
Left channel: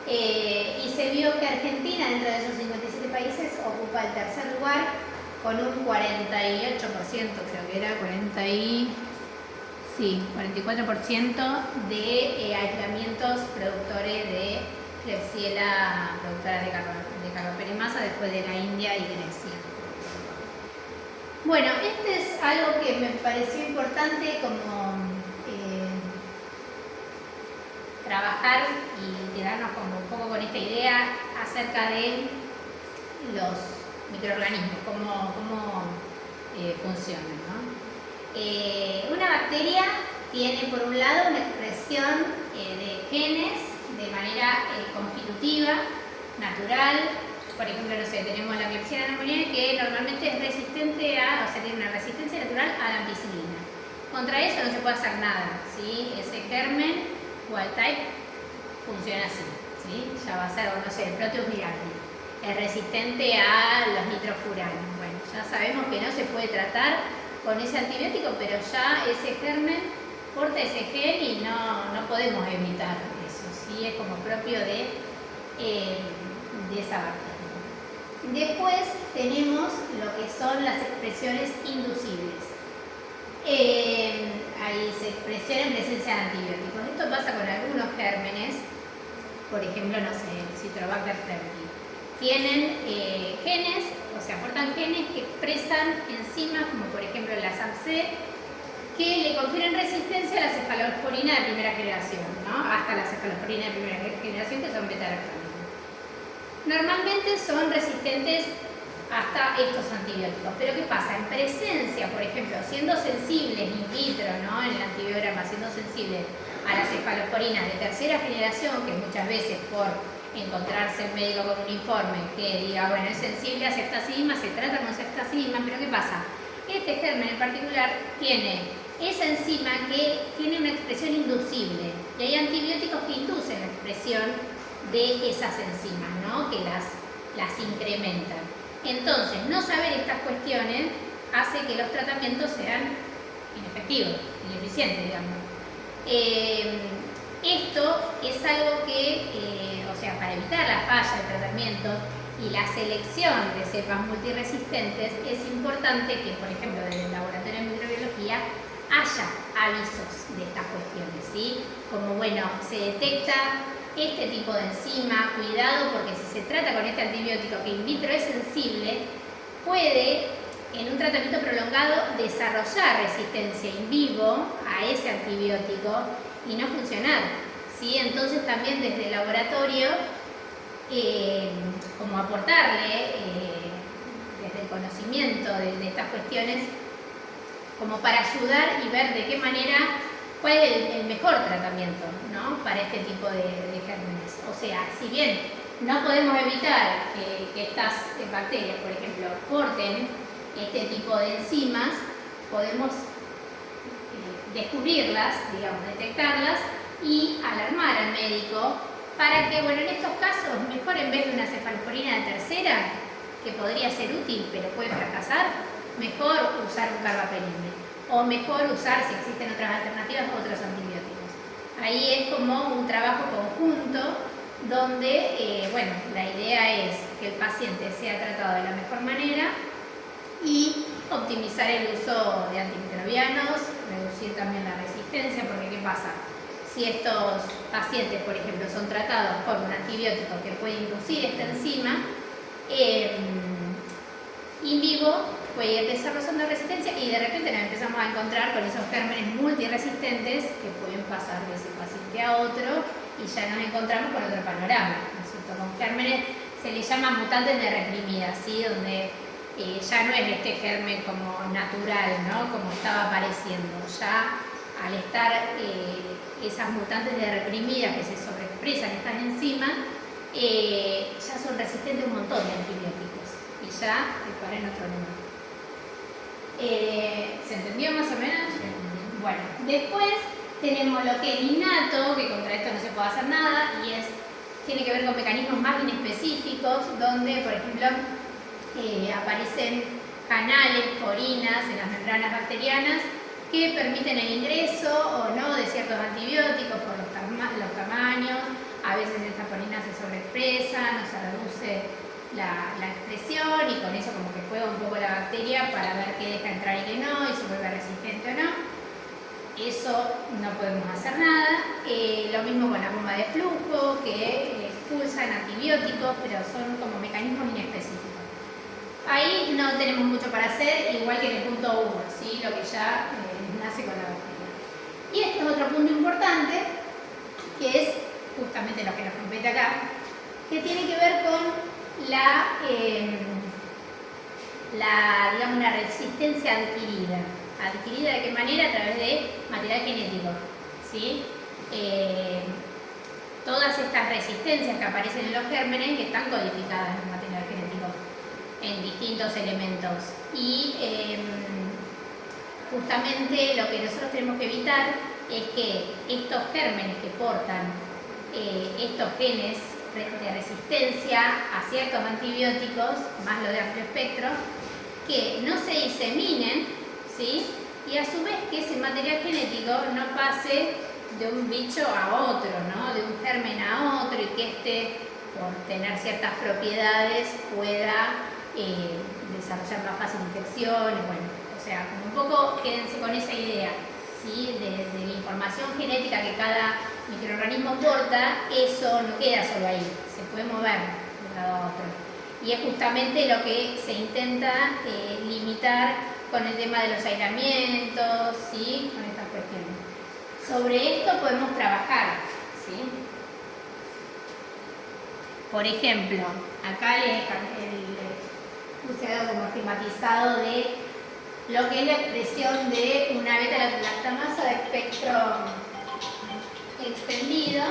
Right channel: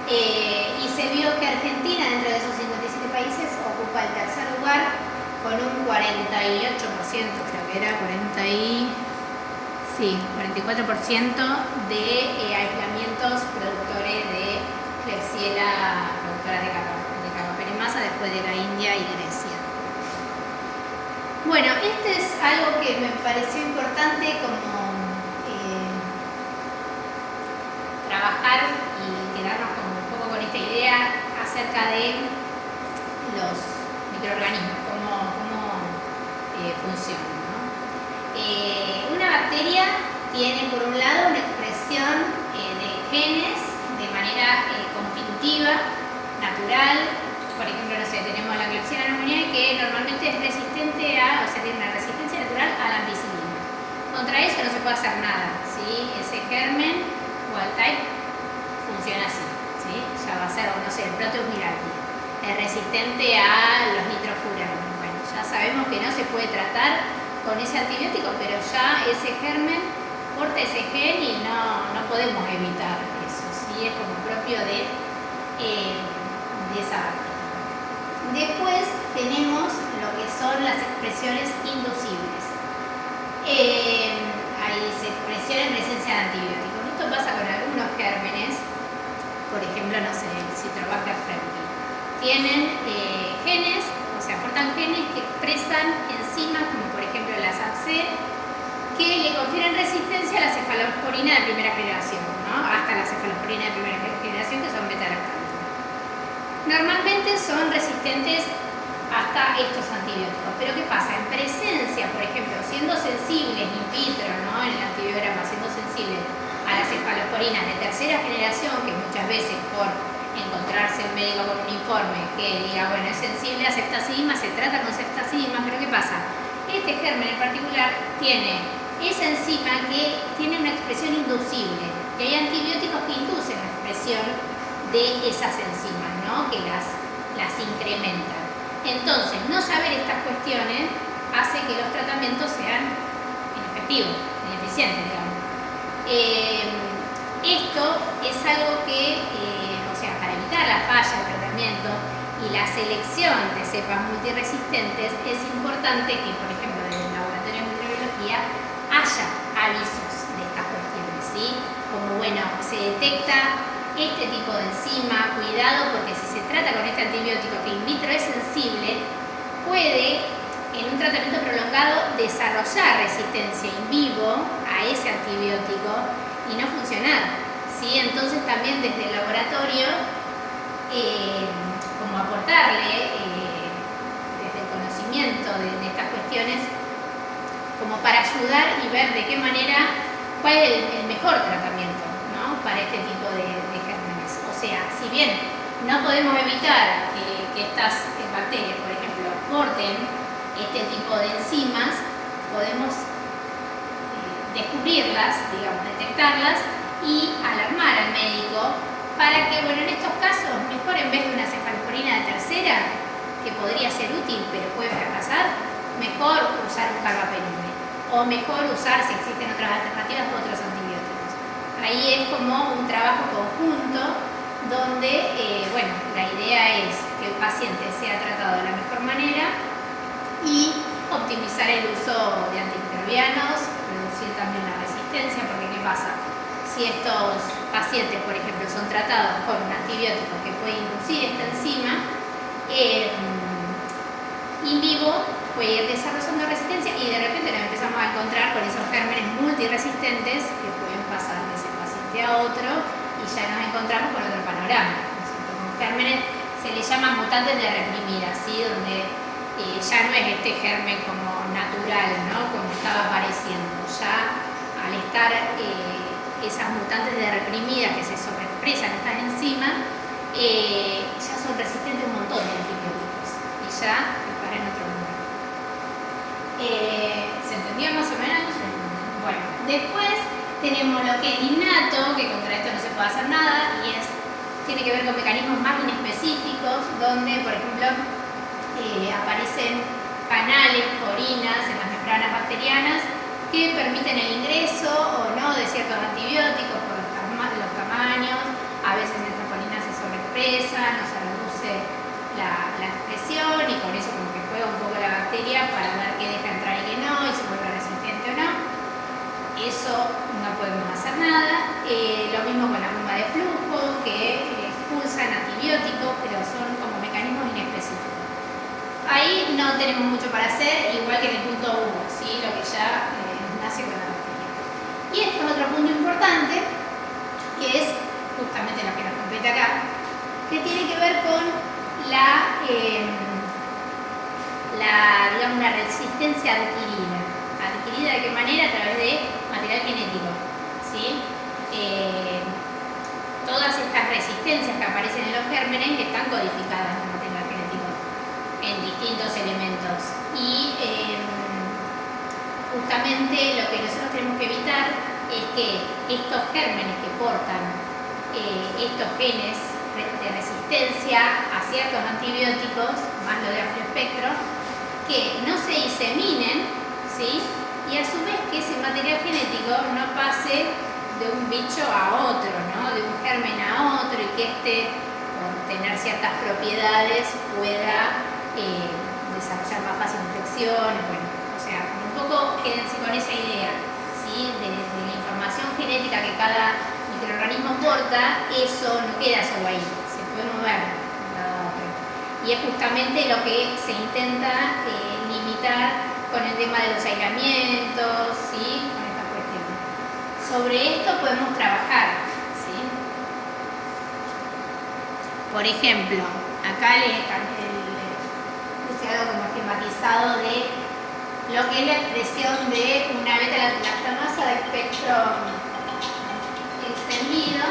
Y se vio que Argentina, dentro de esos 57 países, ocupa el tercer lugar con un 48%, creo que era 44% de aislamientos productores de Klebsiella, productoras de carbapenemasa, después de la India y Grecia. Bueno, este es algo que me pareció importante como trabajar y quedarnos como un poco con esta idea acerca de los microorganismos, cómo funcionan, ¿no? Una bacteria tiene por un lado una expresión de genes de manera constitutiva, natural. Por ejemplo, no sé, tenemos la Klebsiella pneumoniae que normalmente es resistente tiene una resistencia natural a la ampicilina. Contra eso no se puede hacer nada, ¿sí? Ese germen wild type funciona así, ¿sí? Ya va a ser, no sé, el Proteus mirabilis, es resistente a los nitrofuranos. Bueno, ya sabemos que no se puede tratar con ese antibiótico, pero ya ese germen porta ese gen y no podemos evitar eso, ¿sí? Es como propio de esa bacteria. Después tenemos lo que son las expresiones inducibles. Ahí se expresiona en presencia de antibióticos. Esto pasa con algunos gérmenes, por ejemplo, no sé, el Citrobacter fremdi. Tienen genes, o sea, aportan genes que expresan enzimas, como por ejemplo la SAPC, que le confieren resistencia a la cefalosporina de primera generación, ¿no? Hasta la cefalosporina de primera generación, que son beta-lactamos. Normalmente son resistentes hasta estos antibióticos. Pero ¿qué pasa? En presencia, por ejemplo, siendo sensibles in vitro, ¿no? En el antibiograma, siendo sensibles a las cefalosporinas de tercera generación, que muchas veces por encontrarse el médico con un informe que diga, bueno, es sensible a ceftazidima, se trata con ceftazidima, pero ¿qué pasa? Este germen en particular tiene esa enzima que tiene una expresión inducible, y hay antibióticos que inducen la expresión de esas enzimas, ¿no? Que las incrementan. Entonces, no saber estas cuestiones hace que los tratamientos sean inefectivos, ineficientes, digamos. Esto es algo que, para evitar la falla de tratamiento y la selección de cepas multiresistentes, es importante que, por ejemplo, desde el laboratorio de microbiología haya avisos de estas cuestiones, ¿sí? Como, bueno, se detecta este tipo de enzima, cuidado, porque si se trata con este antibiótico que in vitro es sensible, puede en un tratamiento prolongado desarrollar resistencia in vivo a ese antibiótico y no funcionar, ¿sí? Entonces también desde el laboratorio, como aportarle desde el conocimiento de estas cuestiones, como para ayudar y ver de qué manera, cuál es el mejor tratamiento, ¿no? Para este tipo de gérmenes. O sea, si bien no podemos evitar que estas bacterias, por ejemplo, porten este tipo de enzimas, podemos descubrirlas, digamos, detectarlas y alarmar al médico para que, bueno, en estos casos, mejor en vez de una cefalosporina de tercera, que podría ser útil pero puede fracasar, mejor usar un carbapenem. O mejor usar, si existen otras alternativas, otros antibióticos. Ahí es como un trabajo conjunto donde, bueno, la idea es que el paciente sea tratado de la mejor manera y optimizar el uso de antimicrobianos, reducir también la resistencia, porque ¿qué pasa? Si estos pacientes, por ejemplo, son tratados con un antibiótico que puede inducir esta enzima, in vivo puede ir desarrollando resistencia y de repente nos empezamos a encontrar con esos gérmenes multiresistentes que pueden pasar de ese paciente a otro y ya nos encontramos con otro panorama, ¿no es cierto? Con gérmenes se les llama mutantes de reprimida, ¿sí? Donde ya no es este germen como natural, ¿no? Como estaba apareciendo, ya al estar esas mutantes de reprimida que se sobreexpresan estas enzimas, ya son resistentes a un montón de antibióticos y ya disparan en otro lugar. ¿Se entendió más o menos? Bueno, después tenemos lo que es innato, que contra esto no se puede hacer nada, y tiene que ver con mecanismos más inespecíficos, donde, por ejemplo, aparecen canales, porinas en las membranas bacterianas que permiten el ingreso o no de ciertos antibióticos por los tamaños. A veces estas porinas se sobreexpresan o se reduce la expresión y con eso como que juega un poco la bacteria para ver qué deja entrar y qué no, y si vuelve resistente o no. Eso no podemos hacer nada. Lo mismo con la bomba de flujo, que expulsan antibióticos, pero son como mecanismos inespecíficos. Ahí no tenemos mucho para hacer, igual que en el punto 1, ¿sí? Lo que ya nace con la bacteria. Y este es otro punto importante, que es justamente lo que nos compete acá, que tiene que ver con digamos, la resistencia adquirida. ¿Adquirida de qué manera? A través de material genético, ¿sí? Todas estas resistencias que aparecen en los gérmenes están codificadas en el material genético, en distintos elementos. Y justamente lo que nosotros tenemos que evitar es que estos gérmenes que portan estos genes de resistencia a ciertos antibióticos, más lo de amplio espectro, que no se diseminen, ¿sí? Y a su vez que ese material genético no pase de un bicho a otro, ¿no? De un germen a otro, y que éste, por tener ciertas propiedades, pueda desarrollar más fácil infecciones. Bueno, o sea, como un poco quédense con esa idea, ¿sí? De la información genética que cada microorganismo porta, eso no queda solo ahí, se puede mover de un lado a otro. Y es justamente lo que se intenta limitar con el tema de los aislamientos, ¿sí? Con estas cuestiones. Sobre esto podemos trabajar, ¿sí? Por ejemplo, acá les puse algo como esquematizado de lo que es la expresión de una beta-lactamasa de espectro extendido,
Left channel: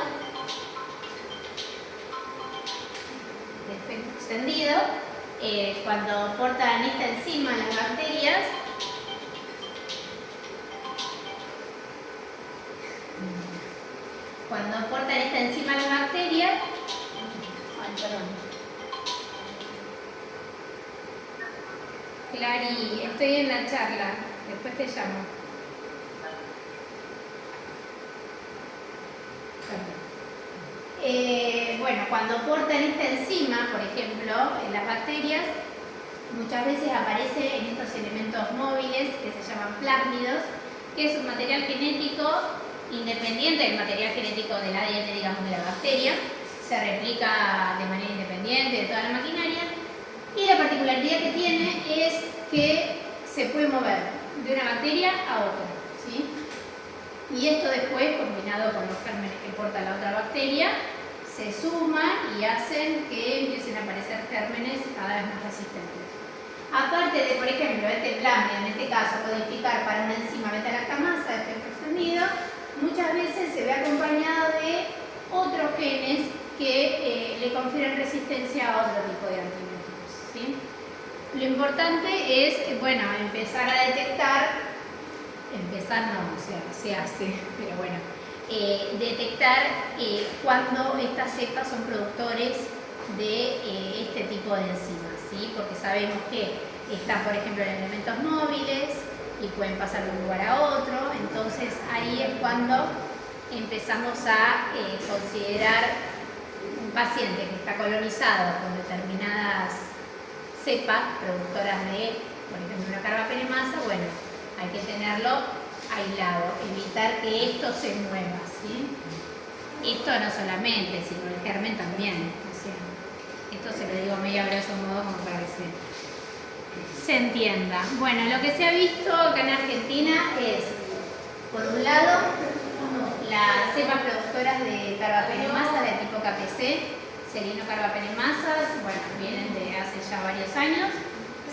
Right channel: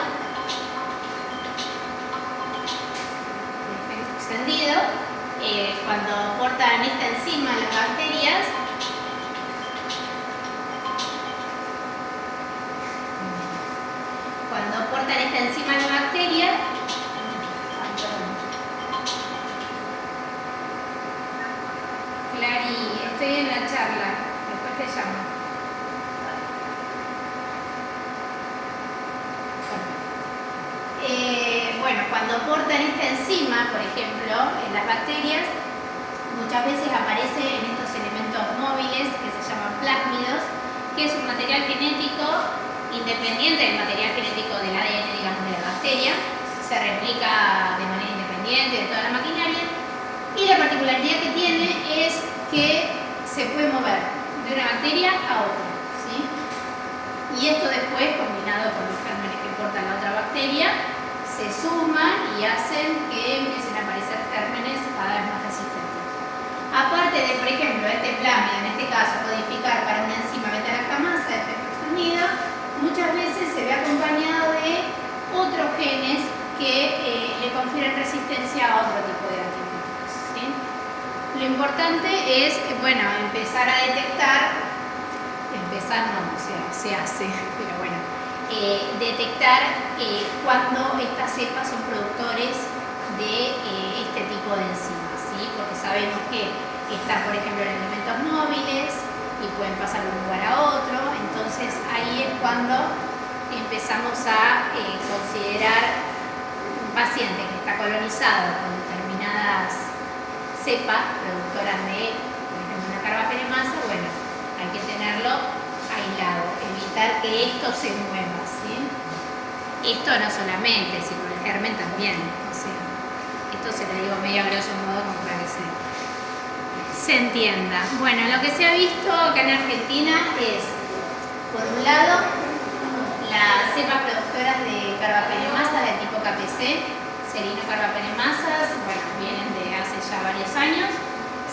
cuando portan esta enzima en las bacterias, Clary, estoy en la charla, después te llamo. Bueno, cuando portan esta enzima, por ejemplo, en las bacterias, muchas veces aparece en estos elementos móviles que se llaman plásmidos, que es un material genético independiente del material genético del ADN, digamos, de la bacteria, se replica de manera independiente de toda la maquinaria, y la particularidad que tiene es que se puede mover de una bacteria a otra, ¿sí? Y esto después, combinado con los gérmenes que porta la otra bacteria, se suman y hacen que empiecen a aparecer gérmenes cada vez más resistentes. Aparte de, por ejemplo, este plásmido, en este caso, codificar para una enzima beta-lactamasa de espectro extendido, muchas veces se ve acompañado de otros genes que le confieren resistencia a otro tipo de antibióticos, ¿sí? Lo importante es, bueno, empezar a detectar, empezar no, o sea, se hace, pero bueno, detectar cuando estas cepas son productores de este tipo de enzimas, ¿sí? Porque sabemos que están, por ejemplo, en elementos móviles y pueden pasar de un lugar a otro, entonces ahí es cuando empezamos a considerar un paciente que está colonizado con determinadas cepas productoras de, por ejemplo, una carbapenemasa. Bueno, hay que tenerlo aislado, evitar que esto se mueva, ¿sí? Esto no solamente, sino el germen también, o sea, esto se lo digo medio a grosso modo como para que se entienda. Bueno, lo que se ha visto acá en Argentina es, por un lado, las cepas productoras de carbapenemasa de tipo KPC, serinocarbapenemasas, bueno, vienen de hace ya varios años.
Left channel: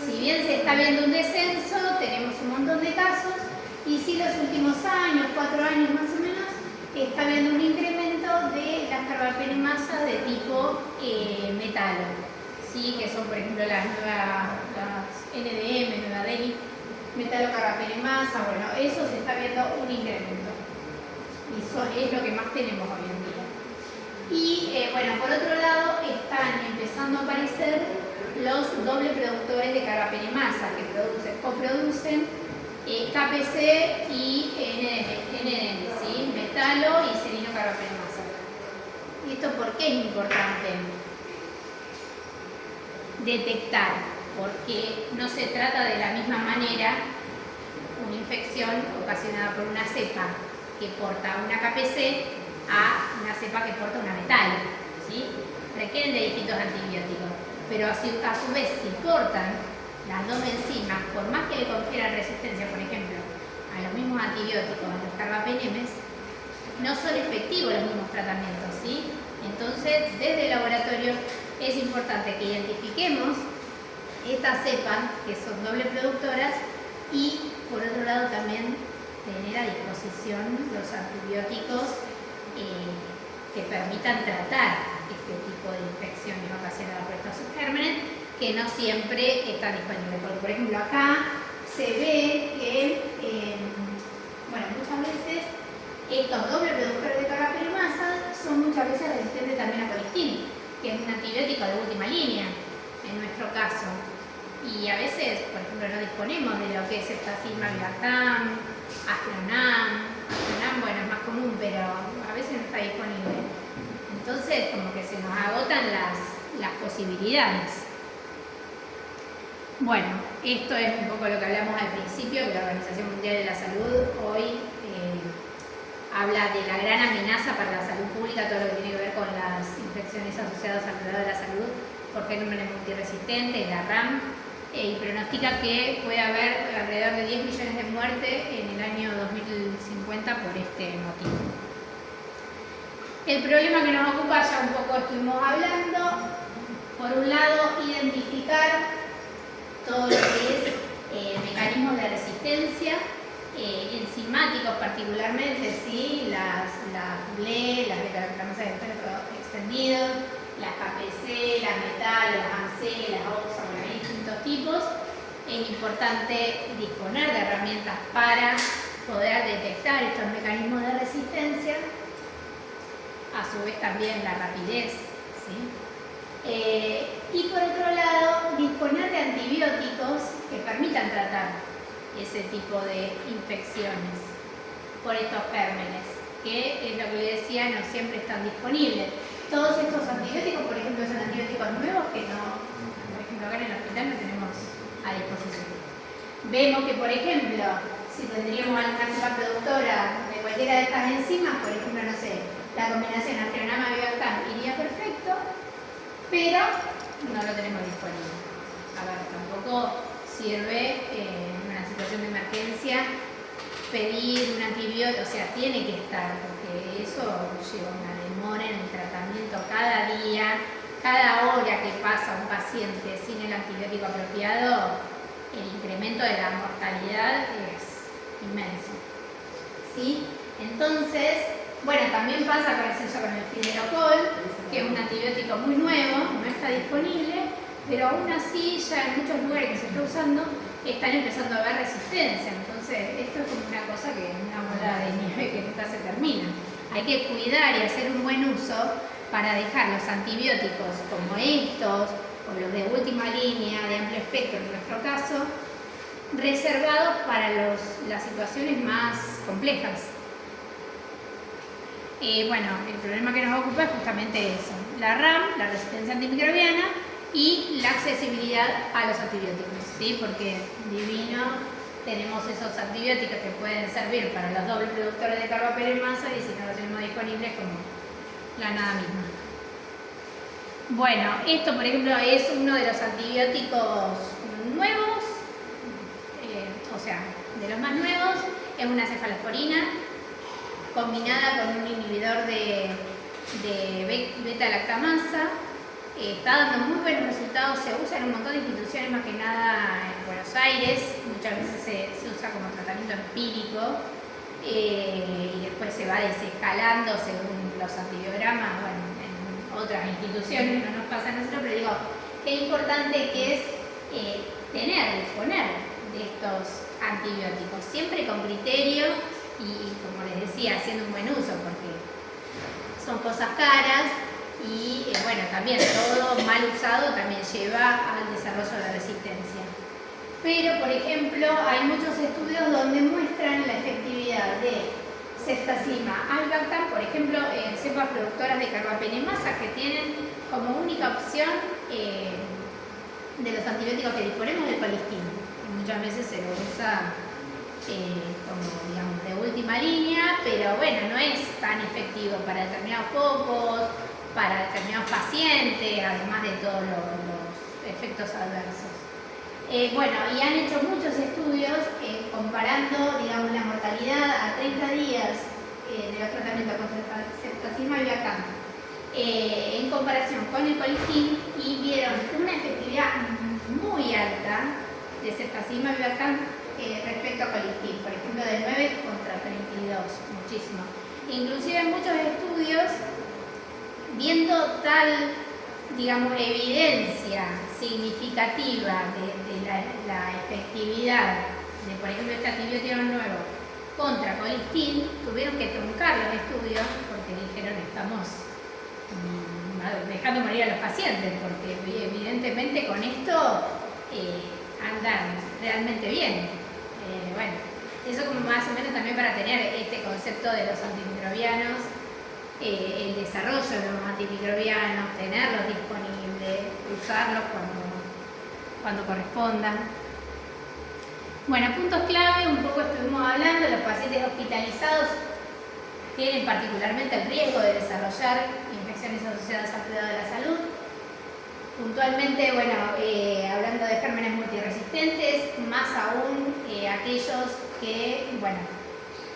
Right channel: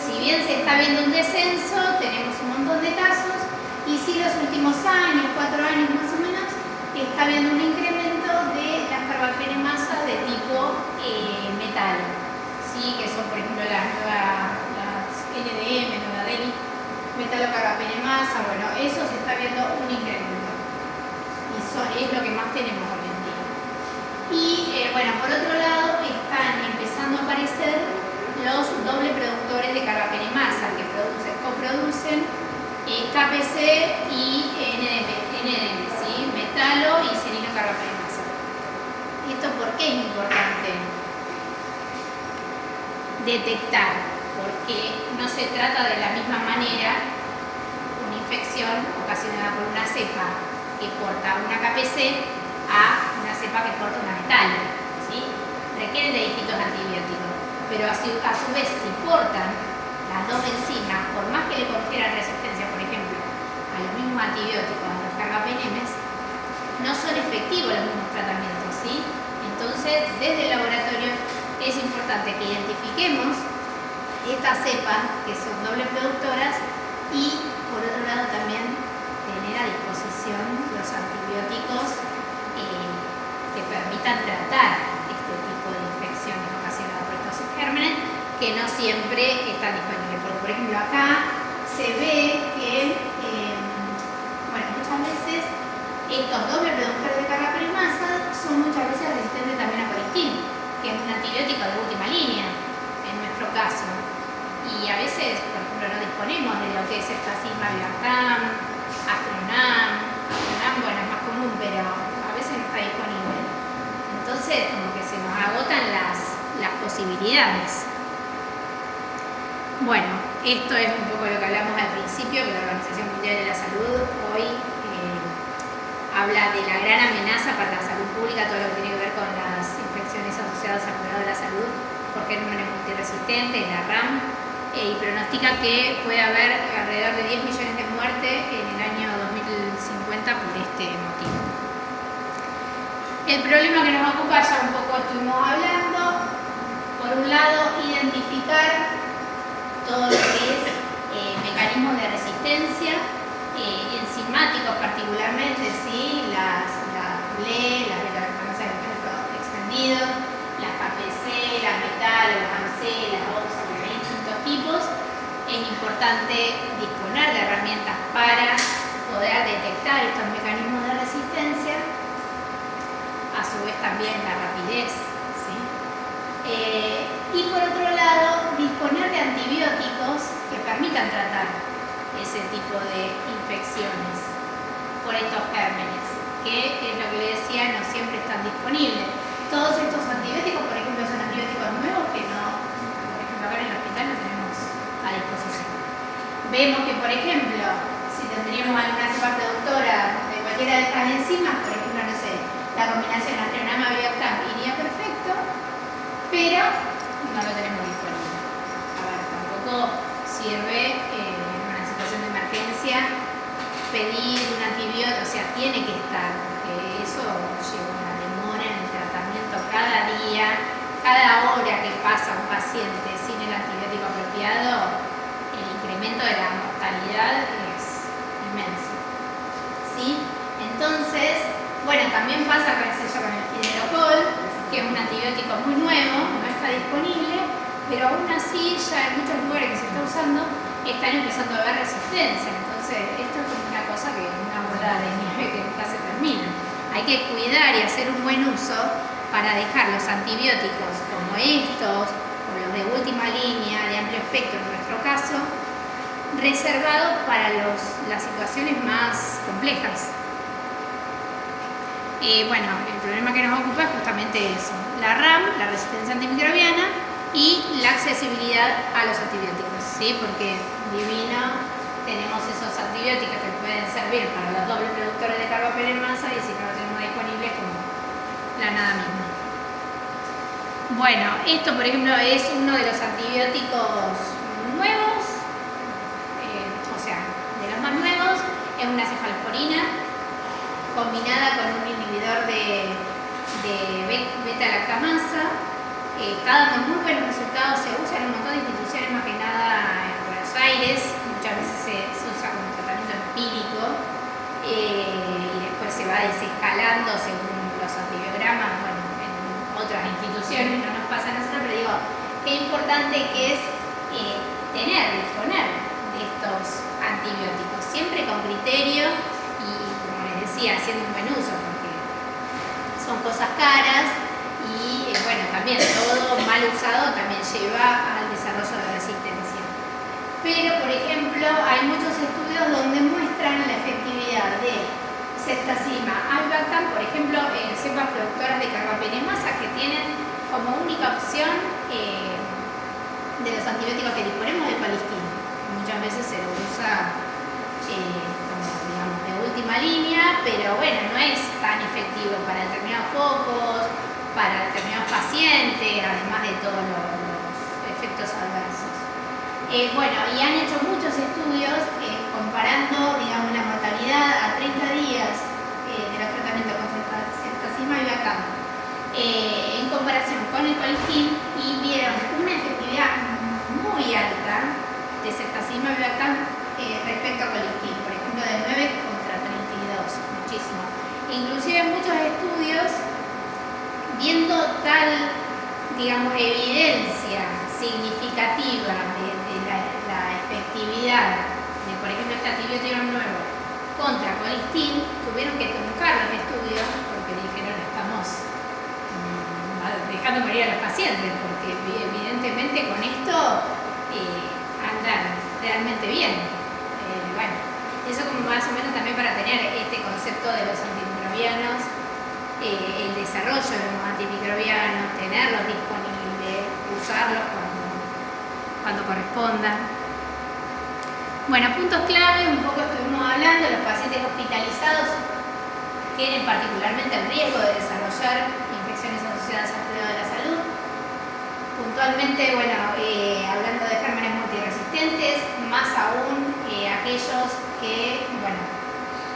Si bien se está viendo un descenso, tenemos un montón de casos, y si los últimos años, 4 años más o menos, está habiendo un incremento de las carbapenemasas de tipo metalo, ¿sí? Que son, por ejemplo, las NDM, Nueva Delhi, metalocarbapenemasa. Bueno, eso se está viendo un incremento, y es lo que más tenemos hoy en día. Y bueno, por otro lado, están empezando a aparecer los doble productores de carbapenemasa que coproducen KPC y NDM, ¿sí? Metalo y serinocarbapenemasa. ¿Esto por qué es importante detectar? Porque no se trata de la misma manera una infección ocasionada por una cepa que porta una KPC a una cepa que porta una metalo, ¿sí? Requieren de distintos antibióticos, pero a su vez, si portan las dos enzimas, por más que le confieran resistencia, por ejemplo, a los mismos antibióticos, a los carbapenemes, no son efectivos los mismos tratamientos, ¿sí? Entonces, desde el laboratorio es importante que identifiquemos estas cepas que son doble productoras y, por otro lado, también tener a disposición los antibióticos que permitan tratar este tipo de infecciones ocasionadas por estos gérmenes, que no siempre están disponibles. Porque, por ejemplo, acá se ve que, bueno, muchas veces estos dobles productores de carbapenemasa son muchas veces resistentes también a coristin, que es un antibiótico de última línea, en nuestro caso. Y a veces, por ejemplo, no disponemos de lo que es Eftasima, Vivartam, Astronam, bueno, es más común, pero a veces no está disponible. Entonces, como que se nos agotan las posibilidades. Bueno, esto es un poco lo que hablamos al principio, que la Organización Mundial de la Salud hoy habla de la gran amenaza para la salud pública, todo lo que tiene que ver con las infecciones asociadas al cuidado de la salud por gérmenes multiresistentes, la RAM, y pronostica que puede haber alrededor de 10 millones de muertes en el año 2050 por este motivo. El problema que nos ocupa, ya un poco estuvimos hablando, por un lado, identificar todo lo que es mecanismos de resistencia, enzimáticos particularmente, ¿sí? Las BLE, las beta-glucanasas de efecto extendido, las KPC, las metalo, las AMC, las OXA, hay distintos tipos. Es importante disponer de herramientas para poder detectar estos mecanismos de resistencia, a su vez también la rapidez, ¿sí? Y por otro lado, disponer de antibióticos que permitan tratar ese tipo de infecciones por estos gérmenes, que es lo que le decía, no siempre están disponibles. Todos estos antibióticos, por ejemplo, son antibióticos nuevos que no, por ejemplo, acá en el hospital no tenemos a disposición. Vemos que, por ejemplo, si tendríamos alguna cepa productora de cualquiera de estas enzimas, por ejemplo, no sé, la combinación Astronama-Vivartam iría perfecto, pero no lo tenemos disponible. A ver, tampoco sirve en una situación de emergencia pedir un antibiótico, o sea, tiene que estar, porque eso lleva una demora en el tratamiento cada día, cada hora que pasa un paciente sin el antibiótico apropiado, el incremento de la mortalidad es inmenso, ¿sí? Entonces, bueno, también pasa con el Fidelocol, que es un antibiótico muy nuevo, no está disponible, pero aún así ya en muchos lugares que se está usando están empezando a haber resistencia. Entonces, esto es como una cosa que es una bola de nieve que nunca se termina. hay que cuidar y hacer un buen uso para dejar los antibióticos como estos o los de última línea, de amplio espectro en nuestro caso, reservados para las situaciones más complejas. Bueno, el problema que nos ocupa es justamente eso, la RAM, la resistencia antimicrobiana y la accesibilidad a los antibióticos, ¿sí? Porque divino, tenemos esos antibióticos que pueden servir para los dobles productores de carbapenemasa y si no lo tenemos disponible es como la nada misma. Bueno, esto por ejemplo es uno de los antibióticos nuevos, o sea, de los más nuevos, es una cefalosporina combinada con un inhibidor de beta-lactamasa. Está dando muy buenos resultados, se usa en un montón de instituciones, más que nada en Buenos Aires, muchas veces se usa como tratamiento empírico y después se va desescalando según los antibiogramas, bueno, en otras instituciones no nos pasa a nosotros, pero digo, qué importante que es disponer de estos antibióticos, siempre con criterio y como les decía, haciendo un buen uso, porque son cosas caras. Y bueno, también todo mal usado también lleva al desarrollo de resistencia. Pero, por ejemplo, hay muchos estudios donde muestran la efectividad de ceftazima, albactam, por ejemplo, en cepas productoras de carbapenemasa que tienen como única opción de los antibióticos que disponemos el colistin, que muchas veces se lo usa como, digamos, de última línea, pero bueno, no es tan efectivo para determinados focos, para determinados pacientes, además de todos los efectos adversos. Bueno, y han hecho muchos estudios comparando, digamos, la mortalidad a 30 días de los tratamientos contra ceftazima y albactam en comparación con el colistin y vieron una efectividad muy alta de ceftazima y albactam respecto a colistin, por ejemplo, de 9 contra 32, muchísimo. Inclusive muchos estudios viendo tal, digamos, evidencia significativa de la efectividad de, por ejemplo, este antibiótico nuevo contra colistin, tuvieron que truncar los estudios porque dijeron estamos dejando morir a los pacientes, porque evidentemente con esto andan realmente bien. Bueno, eso como más o menos también para tener este concepto de los antimicrobianos, el desarrollo de los antimicrobianos, tenerlos disponibles, usarlos cuando correspondan. Bueno, puntos clave, un poco estuvimos hablando, los pacientes hospitalizados tienen particularmente el riesgo de desarrollar infecciones asociadas al cuidado de la salud. Puntualmente, bueno, hablando de gérmenes multiresistentes, más aún aquellos que, bueno,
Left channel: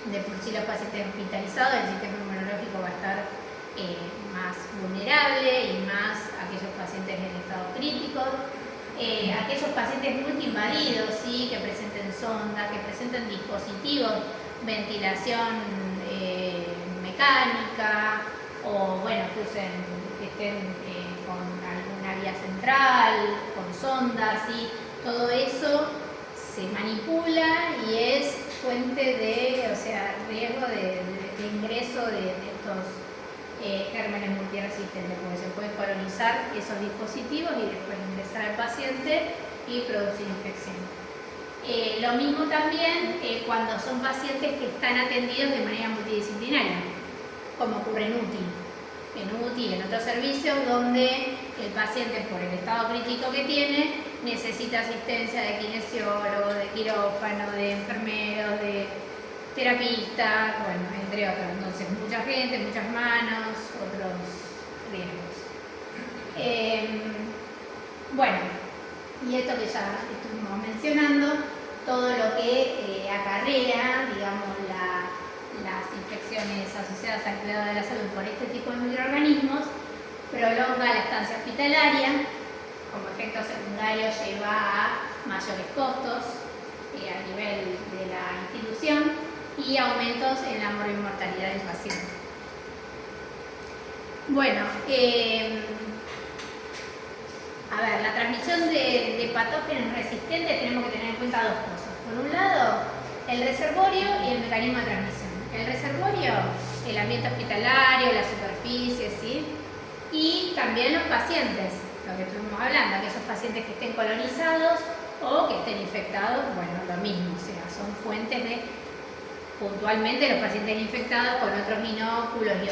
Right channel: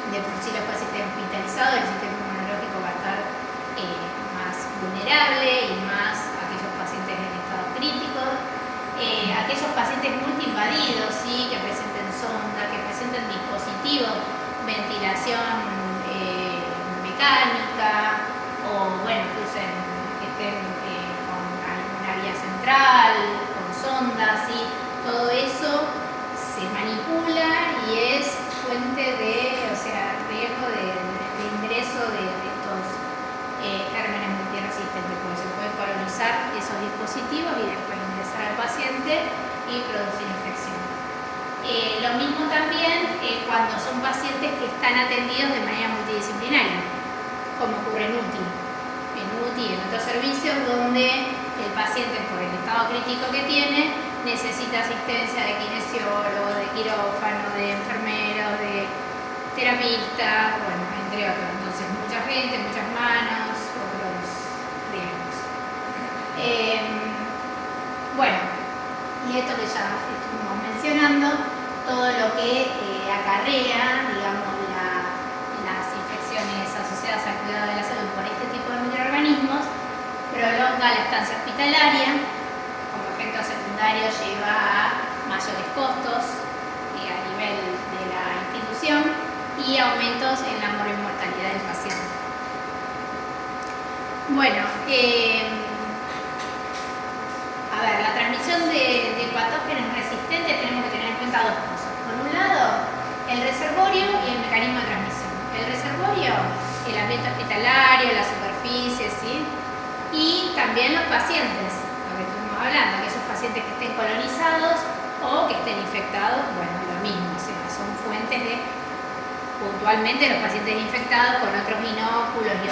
de por sí los pacientes hospitalizados, el sistema inmunológico va a estar más vulnerable y más aquellos pacientes en estado crítico. Aquellos pacientes multiinvadidos, ¿sí? Que presenten sonda, que presenten dispositivos, ventilación mecánica o bueno, que estén con alguna vía central, con sondas, ¿sí? Todo eso se manipula y es fuente de, o sea, riesgo de ingreso de estos gérmenes multiresistentes, porque se puede colonizar esos dispositivos y después ingresar al paciente y producir infección. Lo mismo también cuando son pacientes que están atendidos de manera multidisciplinaria, como ocurre en UTI y en otros servicios donde el paciente, por el estado crítico que tiene, necesita asistencia de kinesiólogo, de quirófano, de enfermero, de terapista, bueno, entre otros. Entonces, mucha gente, muchas manos, otros riesgos. Bueno, y esto que ya estuvimos mencionando, todo lo que acarrea, digamos, las infecciones asociadas al cuidado de la salud por este tipo de microorganismos, prolonga la estancia hospitalaria, como efecto secundario lleva a mayores costos a nivel de la institución y aumentos en la mortalidad del paciente. Bueno, a ver, la transmisión de patógenos resistentes tenemos que tener en cuenta dos cosas. Por un lado, el reservorio y el mecanismo de transmisión. El reservorio el ambiente hospitalario, la superficie, ¿sí? Y también los pacientes, lo que estuvimos hablando, aquellos pacientes que estén colonizados o que estén infectados, bueno, lo mismo, o sea, son fuentes de, puntualmente los pacientes infectados con otros inóculos y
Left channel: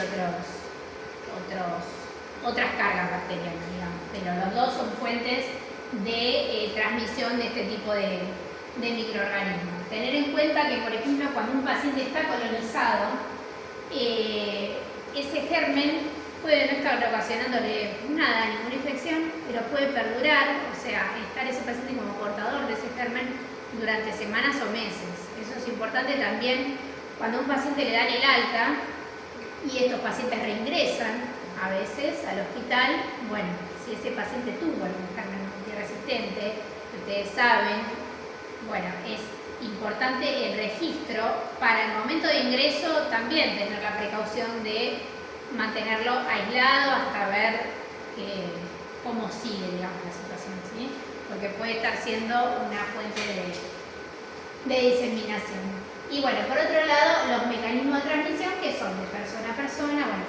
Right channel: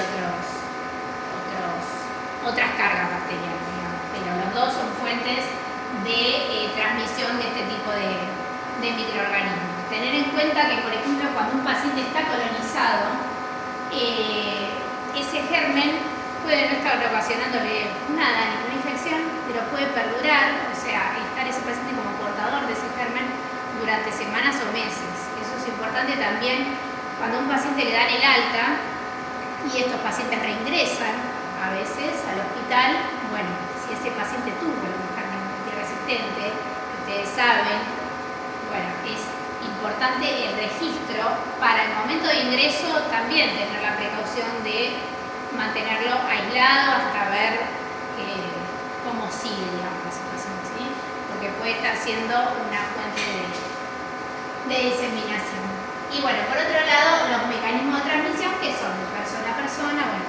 otras cargas bacterianas, digamos, pero los dos son fuentes de transmisión de este tipo de microorganismos. Tener en cuenta que, por ejemplo, cuando un paciente está colonizado, ese germen puede no estar ocasionándole nada, ninguna infección, pero puede perdurar, o sea, estar ese paciente como portador de ese germen durante semanas o meses. Eso es importante también cuando a un paciente le dan el alta y estos pacientes reingresan a veces al hospital. Bueno, si ese paciente tuvo algún germen multiresistente, ustedes saben, bueno, es importante el registro para el momento de ingreso, también tener la precaución de mantenerlo aislado hasta ver cómo sigue, digamos, la situación, ¿sí? Porque puede estar siendo una fuente de diseminación. Y bueno, por otro lado, los mecanismos de transmisión, que son de persona a persona, bueno,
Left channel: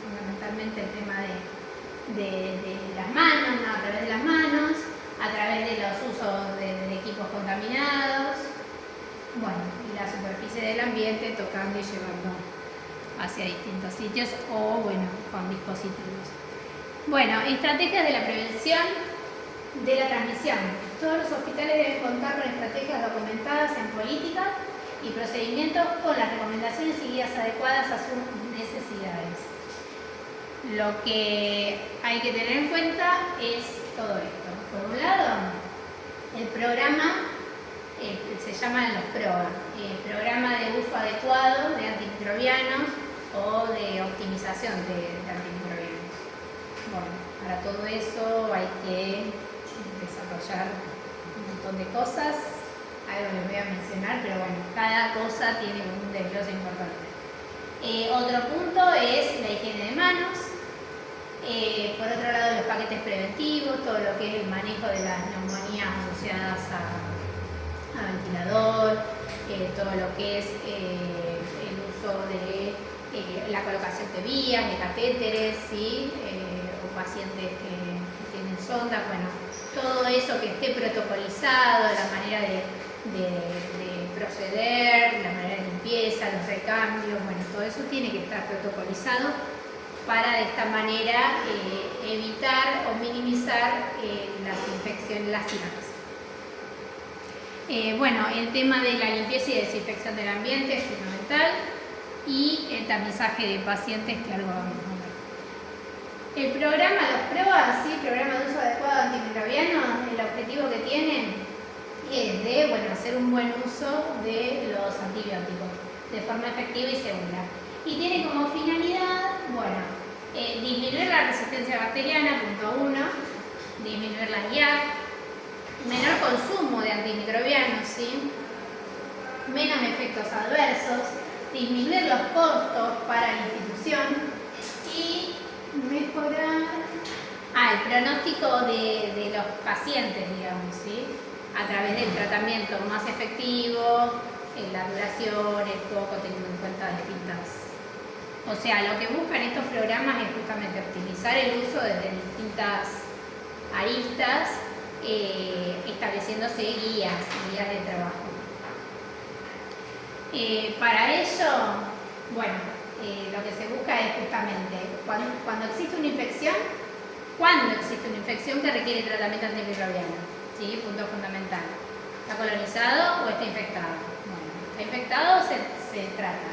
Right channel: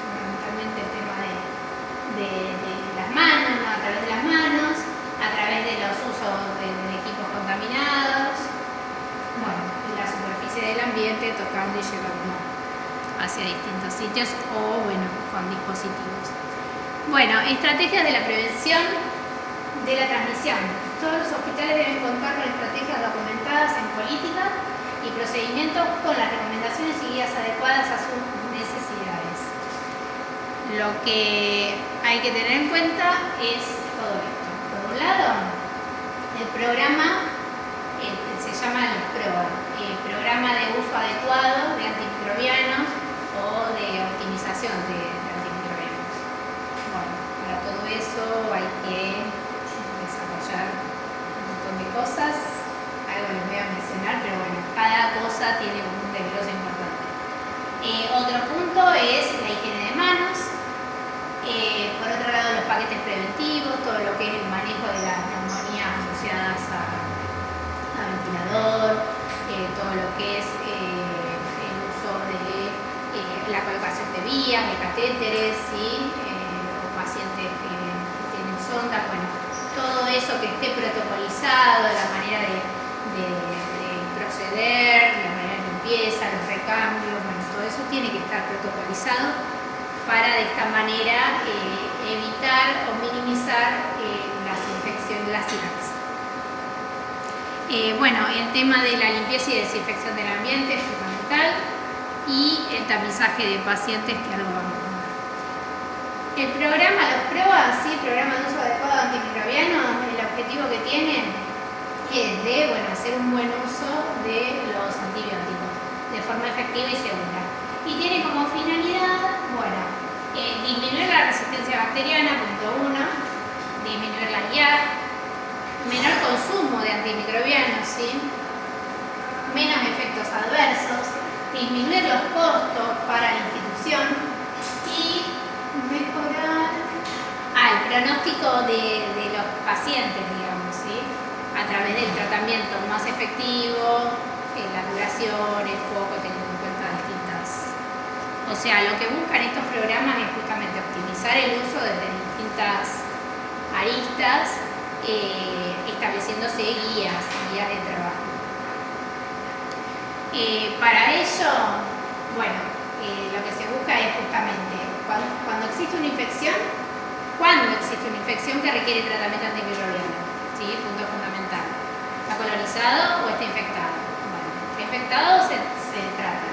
fundamentalmente el tema de las manos, ¿no? A través de las manos, a través de los usos de equipos contaminados, bueno, y la superficie del ambiente, tocando y llevando hacia distintos sitios o, bueno, con dispositivos. Bueno, estrategias de la prevención de la transmisión. Todos los hospitales deben contar con estrategias documentadas en políticas y procedimientos con las recomendaciones y guías adecuadas a sus necesidades. Lo que hay que tener en cuenta es todo esto. Por un lado, el programa se llama los PROA, Programa de Uso Adecuado de Antimicrobianos o de Optimización de Antimicrobianos. Bueno, para todo eso hay que desarrollar un montón de cosas, algo les voy a mencionar, pero bueno, cada cosa tiene un desglose importante. Otro punto es la higiene de manos. Por otro lado, los paquetes preventivos, todo lo que es el manejo de las neumonías asociadas a ventilador, todo lo que es el uso de la colocación de vías, de catéteres, ¿sí? O pacientes que tienen sondas, bueno, todo eso que esté protocolizado, la manera de proceder, la manera de limpieza, los recambios, bueno, todo eso tiene que estar protocolizado para de esta manera evitar o minimizar las infecciones, las SIDAX. Bueno, el tema de la limpieza y desinfección del ambiente es fundamental y el tamizaje de pacientes, que algo vamos a ver. El programa, los PROA, ¿sí? Programa de uso adecuado de antimicrobianos, el objetivo que tienen es de, bueno, hacer un buen uso de los antibióticos de forma efectiva y segura. Y tiene como finalidad, bueno, disminuir la resistencia bacteriana, punto 1, disminuir la IA, menor consumo de antimicrobianos, ¿sí? Menos efectos adversos, disminuir los costos para la institución y mejorar el pronóstico de los pacientes, digamos, ¿sí? A través del tratamiento más efectivo, la duración, el foco, teniendo en cuenta distintas. O sea, lo que buscan estos programas es justamente optimizar el uso desde distintas aristas, estableciéndose guías de trabajo. Para ello, bueno, lo que se busca es justamente cuando existe una infección, que requiere tratamiento antimicrobiano, ¿sí? Punto fundamental. ¿Está colonizado o está infectado? Bueno, está infectado se trata.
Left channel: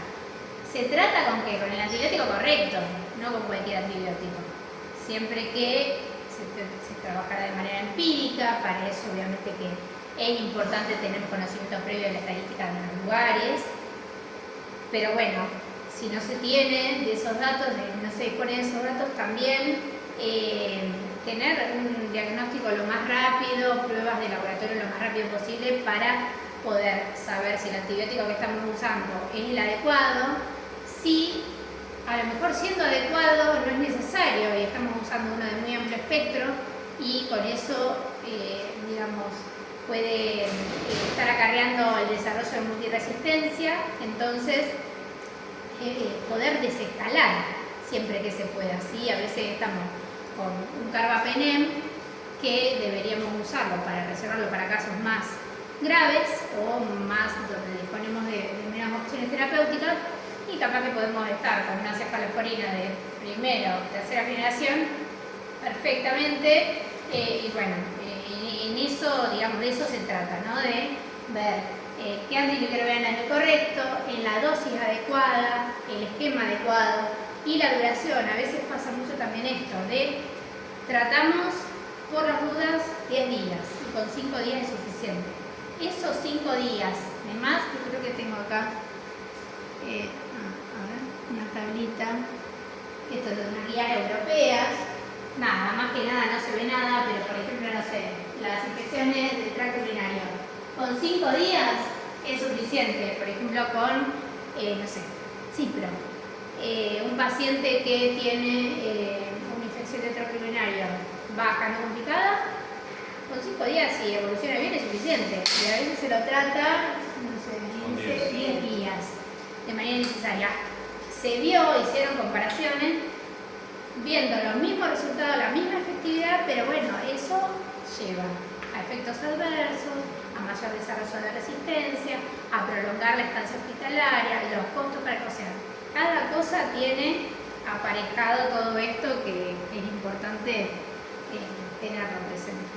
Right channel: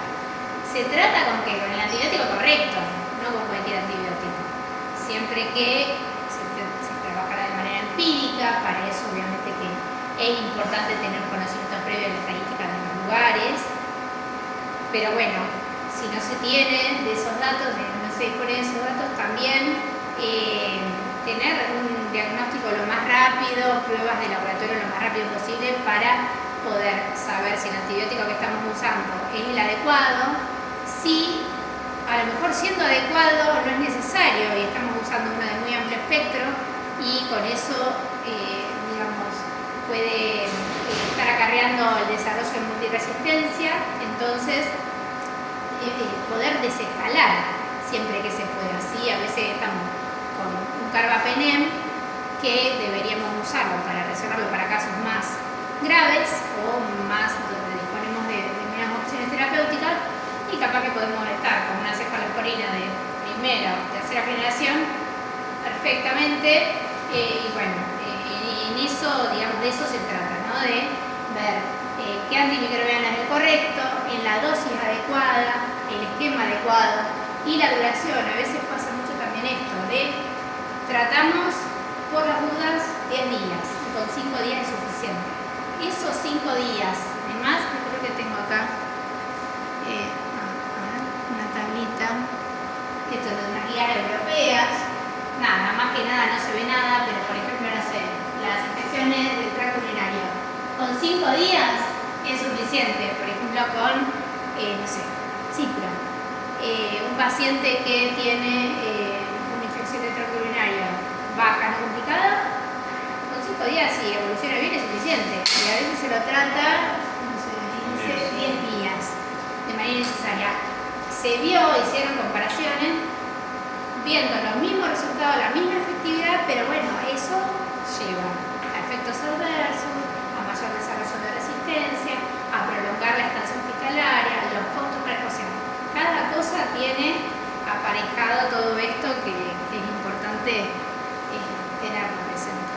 ¿Se trata con qué? Con el antibiótico correcto, no con cualquier antibiótico. Siempre que se trabajará de manera empírica, para eso obviamente que es importante tener un conocimiento previo de la estadística de los lugares, pero bueno, si no se tiene de esos datos, no se dispone de esos datos, también tener un diagnóstico lo más rápido, pruebas de laboratorio lo más rápido posible para poder saber si el antibiótico que estamos usando es el adecuado, si a lo mejor siendo adecuado no es necesario y estamos usando uno de muy amplio espectro y con eso, digamos, puede estar acarreando el desarrollo de multiresistencia, entonces poder desescalar siempre que se pueda, ¿sí? A veces estamos con un carbapenem que deberíamos usarlo para reservarlo para casos más graves o más donde disponemos de menos opciones terapéuticas, y capaz que podemos estar con una cefalosporina de primera o tercera generación perfectamente, y bueno, en eso, digamos, de eso se trata, ¿no? De ver qué antimicrobiana es el correcto, en la dosis adecuada, el esquema adecuado y la duración. A veces pasa mucho también esto, de tratamos por las dudas 10 días y con 5 días es suficiente. Esos 5 días, además, yo creo que tengo acá a ver, una tablita, esto es de unas guías europeas, nada, más que nada no se ve nada, pero por ejemplo, no sé, las infecciones del tracto urinario, con 5 días es suficiente, por ejemplo con, no sé, cipro. Un paciente que tiene una infección del tracto urinario baja, no complicada, con 5 días si evoluciona bien es suficiente, y a veces se lo trata, no sé, 10 días de manera necesaria. Se hicieron comparaciones viendo los mismos resultados, la misma efectividad, pero bueno, eso lleva a efectos adversos, a mayor desarrollo de resistencia, a prolongar la estancia hospitalaria, los costos para, o sea, cada cosa tiene aparejado todo esto que es importante tenerlo presente.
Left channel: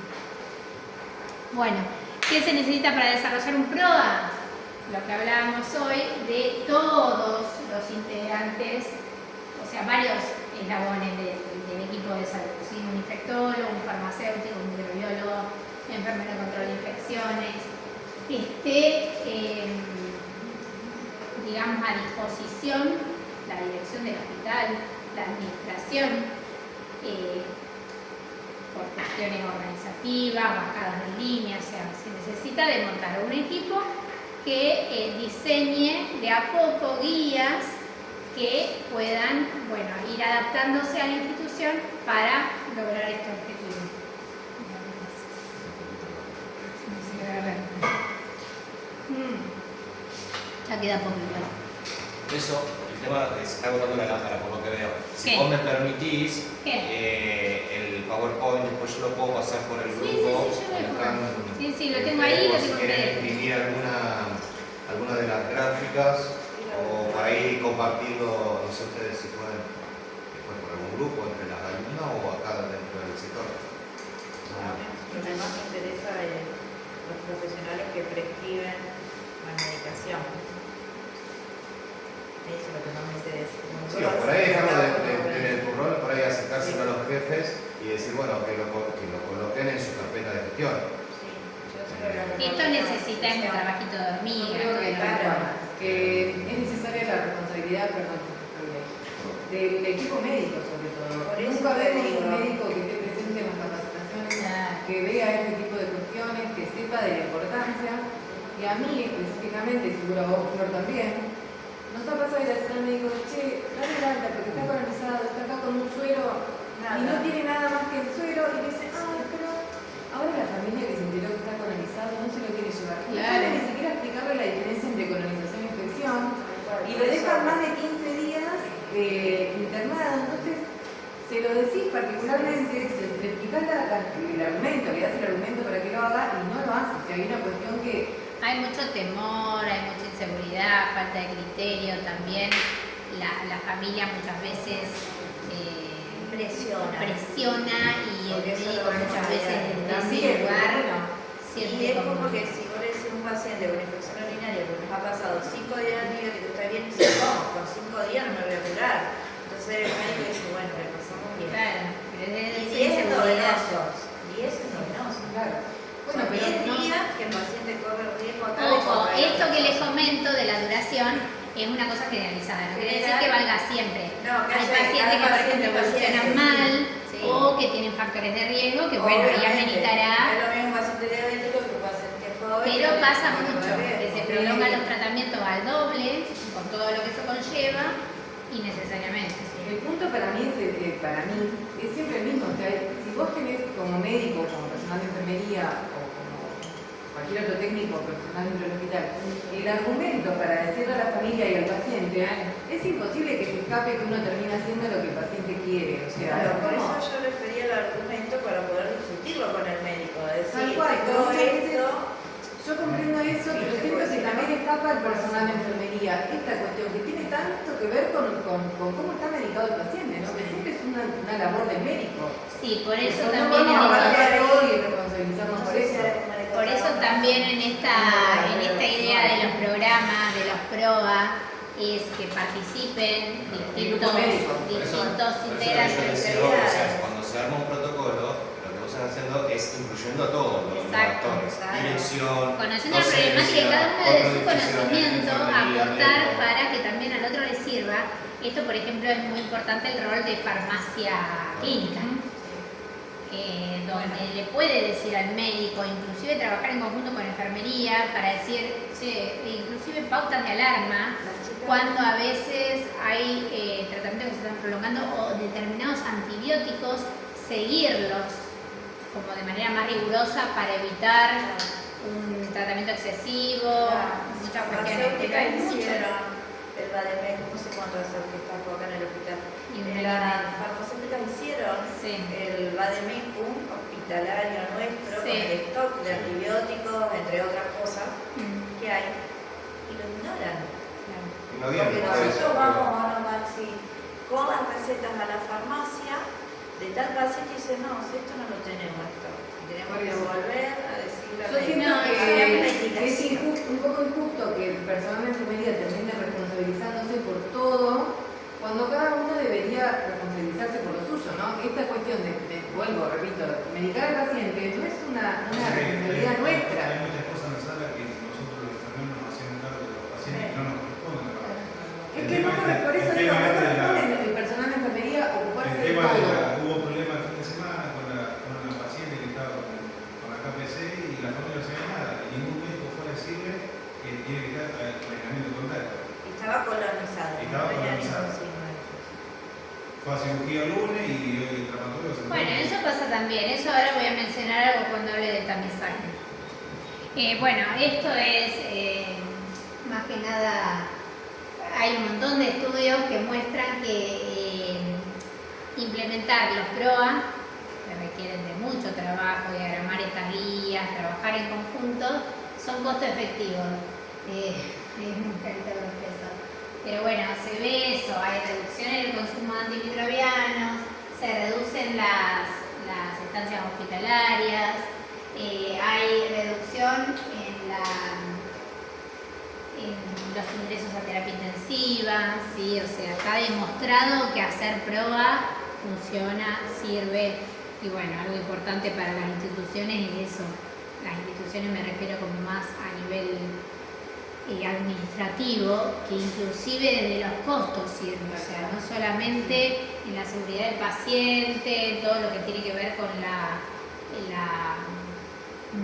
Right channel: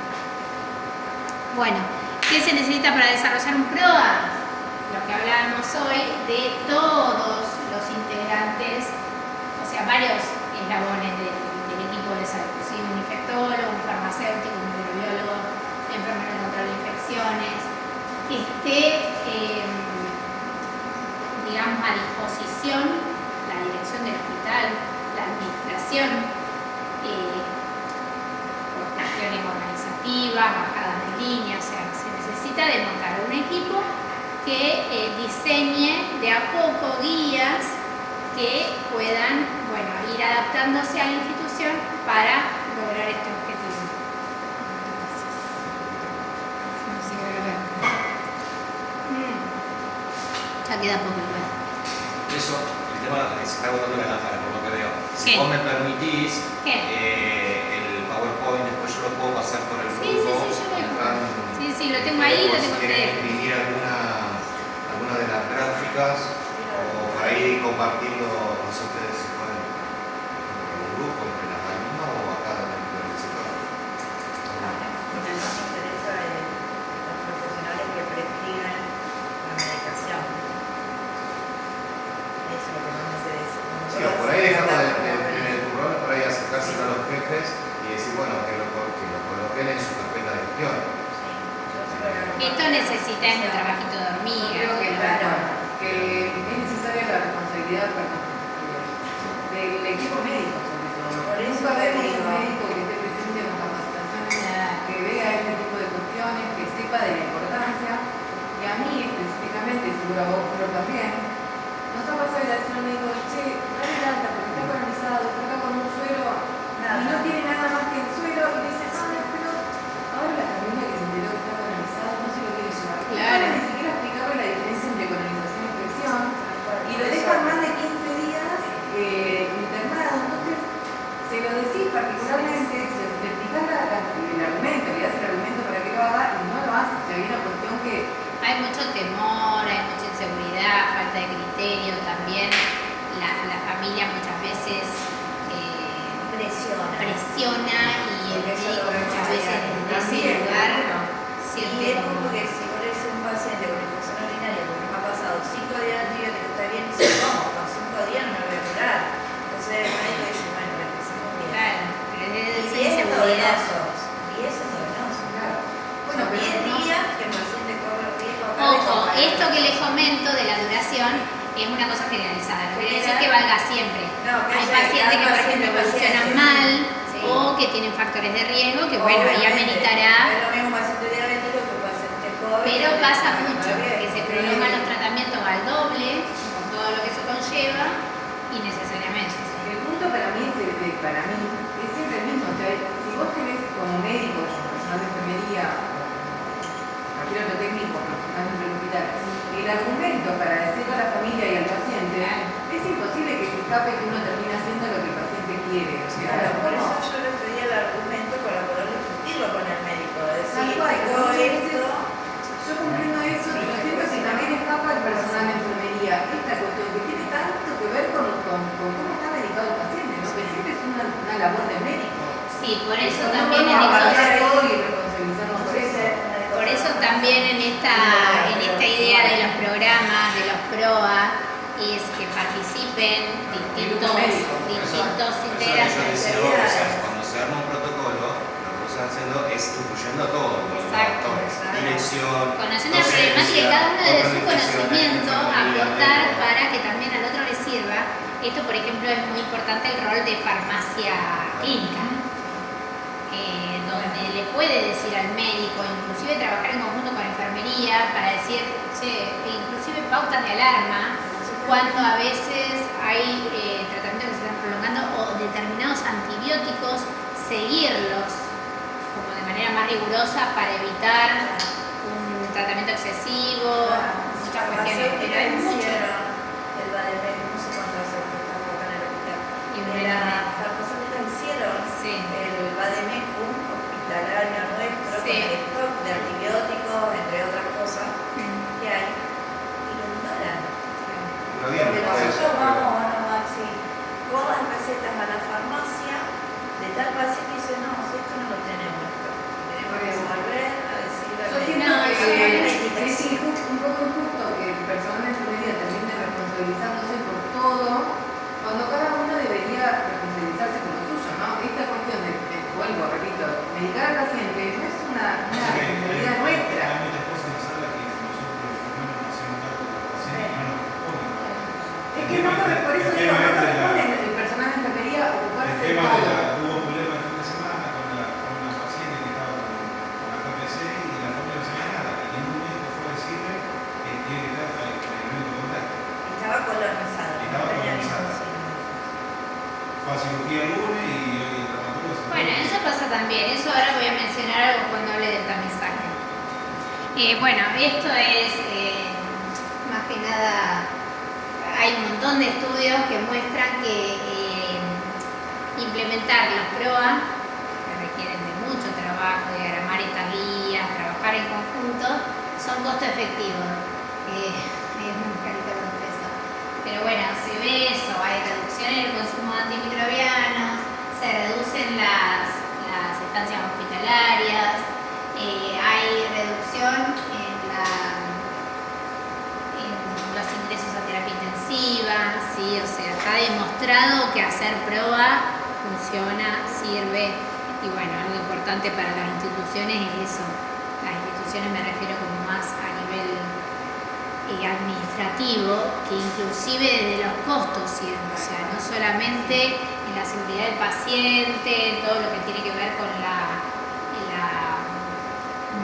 Bueno, ¿qué se necesita para desarrollar un PROA? Lo que hablábamos hoy de todos los integrantes, o sea, varios eslabones del equipo de salud, ¿sí? Un infectólogo, un farmacéutico, un microbiólogo, un enfermero de control de infecciones, que esté, digamos, a disposición la dirección del hospital, la administración, por cuestiones organizativas, bajadas de línea, o sea, se necesita de montar un equipo que diseñe de a poco guías que puedan, bueno, ir adaptándose a la institución para lograr este objetivo. Ya queda poco igual. Eso, el tema se está agotando la lámpara por lo que veo. Si ¿Qué? vos me permitís, ¿Qué? el PowerPoint después yo lo puedo pasar por el Sí, grupo. sí, yo lo dejo. Están, Sí, lo tengo ahí, lo por tengo si quieren que imprimir alguna de las gráficas o por ahí compartirlo, no sé ustedes si pueden, por algún grupo entre las alumnas o acá dentro del sector. Lo que más me interesa es los profesionales que prescriben la medicación. Eso es lo que más me interesa. Sí, o por ahí dejarlo en tu rol, por ahí acercárselo a los jefes y decir, bueno, que lo coloquen en su carpeta de gestión. Sí, yo soy la que Esto necesita un trabajito de hormiga. Creo que, claro. que es necesaria la responsabilidad, del equipo médico sobre todo. Por eso Nunca te vemos digo. un médico que esté presente con capacitaciones, Claro. que vea este tipo de cuestiones, que sepa de la importancia. Y a mí específicamente, seguro a vos, Flor, también, nos ha pasado ir a decir al médico, che, dale el alta porque está colonizado, está acá con un suero y no tiene nada más que el suero, y dice, pero ahora la familia que se enteró que está colonizado no se lo quiere llevar. Claro. No sabe ni siquiera explicarle la diferencia entre colonización y infección, y lo dejan más de 15 días internado. Entonces, se lo decís particularmente, le explicás el argumento, le das el argumento para que lo haga y no lo hace. O sea, hay una cuestión que Hay mucho temor, hay mucha inseguridad, falta de criterio también. La familia muchas veces presiona y el Porque eso médico lo vemos muchas a veces diario. desde ese También, lugar bueno, siente Y es como... como que si vos le decís a un paciente con infección urinaria que nos ha pasado 5 días de antibiótico, está bien, y dice, ¿cómo? Con 5 días no me voy a curar. Entonces el médico dice, bueno, le empezamos bien. Claro, pero es Y esa 10 inseguridad. novedosos. 10 es novedoso. claro. Bueno, Son pero 10 no, días que el paciente corre el riesgo acá de Ojo, contraer esto que les otra cosa. comento de la duración es una cosa generalizada, no quiere decir que valga siempre. No, que Hay haya pacientes que, por ejemplo, evolucionan mal Sí. o que tienen factores de riesgo que, bueno, ya Obviamente, meditará. Es lo mismo un paciente diabético que un paciente joven. Pero que pasa tiene mucho factor de que riesgo. se prolongan los tratamientos al doble, con todo lo que eso conlleva, innecesariamente. el punto para mí es siempre el mismo. O sea, si vos tenés como médico, como personal de enfermería o como cualquier otro técnico profesional del hospital, el argumento para decirle a la familia y al paciente es escape que uno termina haciendo lo que el paciente quiere. O sea, Claro, por ¿cómo? eso yo les pedí el argumento para poder discutirlo con el médico. Tal Decir, cual, tengo muchas veces esto. yo comprendo eso, pero siento que también escapa el personal de enfermería. Esta cuestión que tiene tanto que ver con cómo está medicado el paciente, ¿no? Que siempre es una labor de médico. Sí, por eso No también en vamos a estos... abarcar todo y responsabilizarnos por eso. Por eso también en esta idea de los programas, de los PROA, es que participen distintos Por eso lo que yo integrantes. decía, o sea, cuando se arma un protocolo, lo que vos estás haciendo es incluyendo a todos los Exacto. actores, dirección, Conociendo la problemática de cada uno de otras su divisiones, conocimiento, enfermería, aportar médico. para que también al otro le sirva. Esto, por ejemplo, es muy importante el rol de farmacia clínica, donde le puede decir al médico, inclusive trabajar en conjunto con enfermería para decir, che, inclusive pautas de alarma, cuando a veces hay tratamientos que se están prolongando o determinados antibióticos, seguirlos como de manera más rigurosa para evitar un tratamiento excesivo, muchas cuestiones, pero hay mucho. El Bademec, no sé cuántas que está acá en el hospital. Y Las farmacéuticas hicieron Sí. el Bademecum hospitalario nuestro, Sí. con el stock de antibióticos, entre otras cosas que hay, y lo ignoran. No bien, Porque por eso, nosotros pero- vamos, bueno, Maxi, con las recetas a la farmacia de tal paciente y dice, no, si esto no lo tenemos esto. Tenemos que volver a decirle al Yo siento médico. No, que es un poco injusto que el personal de enfermería termine responsabilizándose por todo, cuando cada uno debería responsabilizarse por lo suyo, ¿no? Esta cuestión vuelvo, repito, medicar al paciente no es una responsabilidad nuestra. Hay muchas cosas en la sala que nosotros los enfermeros nos hacemos cargo de los pacientes y no nos corresponden. Es que no corre, por eso digo, no corresponde el personal de enfermería El ocuparse de tema todo. hubo un problema el fin de semana con una paciente que estaba con la KPC y la familia no sabía nada. Y ningún médico fue a decirle que tiene que estar con el elemento de contacto. Estaba colonizado, no Estaba tenía ni colonizado. conocimiento. Fue a cirugía el lunes y hoy el traumatólogo se Bueno, eso pasa también, eso ahora voy a mencionar algo cuando hable del tamizaje. Bueno, esto es más que nada, hay un montón de estudios que muestran que implementar los PROA, que requieren de mucho trabajo, diagramar estas guías, trabajar en conjunto, son costo efectivos. Es muy carita con el peso. Pero bueno, se ve eso, hay reducción en el consumo de antimicrobianos, se reducen las estancias hospitalarias, hay reducción en los ingresos a terapia intensiva, ¿sí? O sea, está demostrado que hacer PROA funciona, sirve, y bueno, algo importante para las instituciones es eso. Las instituciones me refiero como más a nivel administrativo, que inclusive desde los costos sirve, o sea, no solamente en la seguridad del paciente, todo lo que tiene que ver con la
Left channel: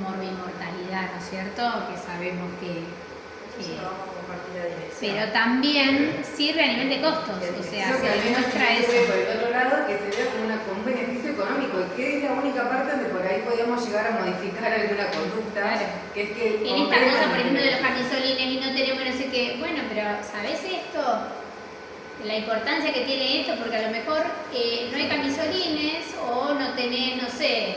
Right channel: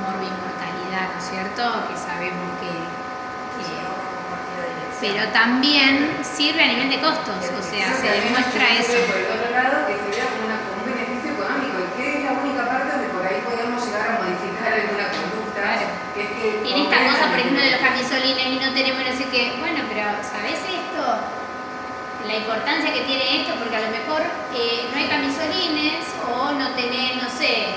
morbimortalidad, ¿no es cierto? Que sabemos que pero también sirve a nivel de costos, o sea, Creo que se al menos demuestra se eso. sirve por el otro lado, que sería como un beneficio económico, y que es la única parte donde por ahí podríamos llegar a modificar alguna conducta, que es que... Tiene esta cosa, por ejemplo, de los camisolines y no tenemos no sé qué. Bueno, pero ¿sabés esto? La importancia que tiene esto, porque a lo mejor no hay camisolines o no tenés, no sé,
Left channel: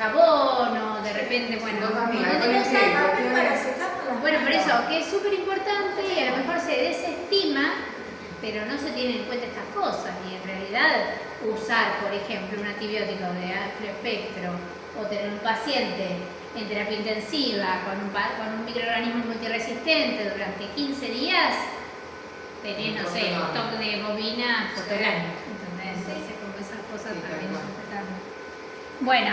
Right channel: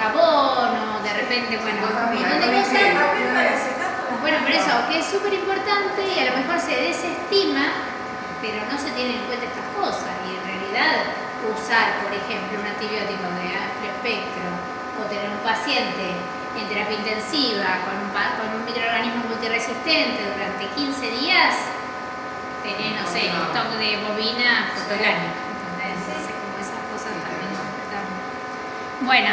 jabón o de repente, bueno, un montón de cosas. Bueno, por eso, que es súper importante y a lo mejor se desestima, pero no se tienen en cuenta estas cosas. Y en realidad, usar, por ejemplo, un antibiótico de amplio espectro o tener un paciente en terapia intensiva con un microorganismo multiresistente durante 15 días, tener, no sé, stock de bovina por todo el año. Entonces, como esas cosas también están. Bueno,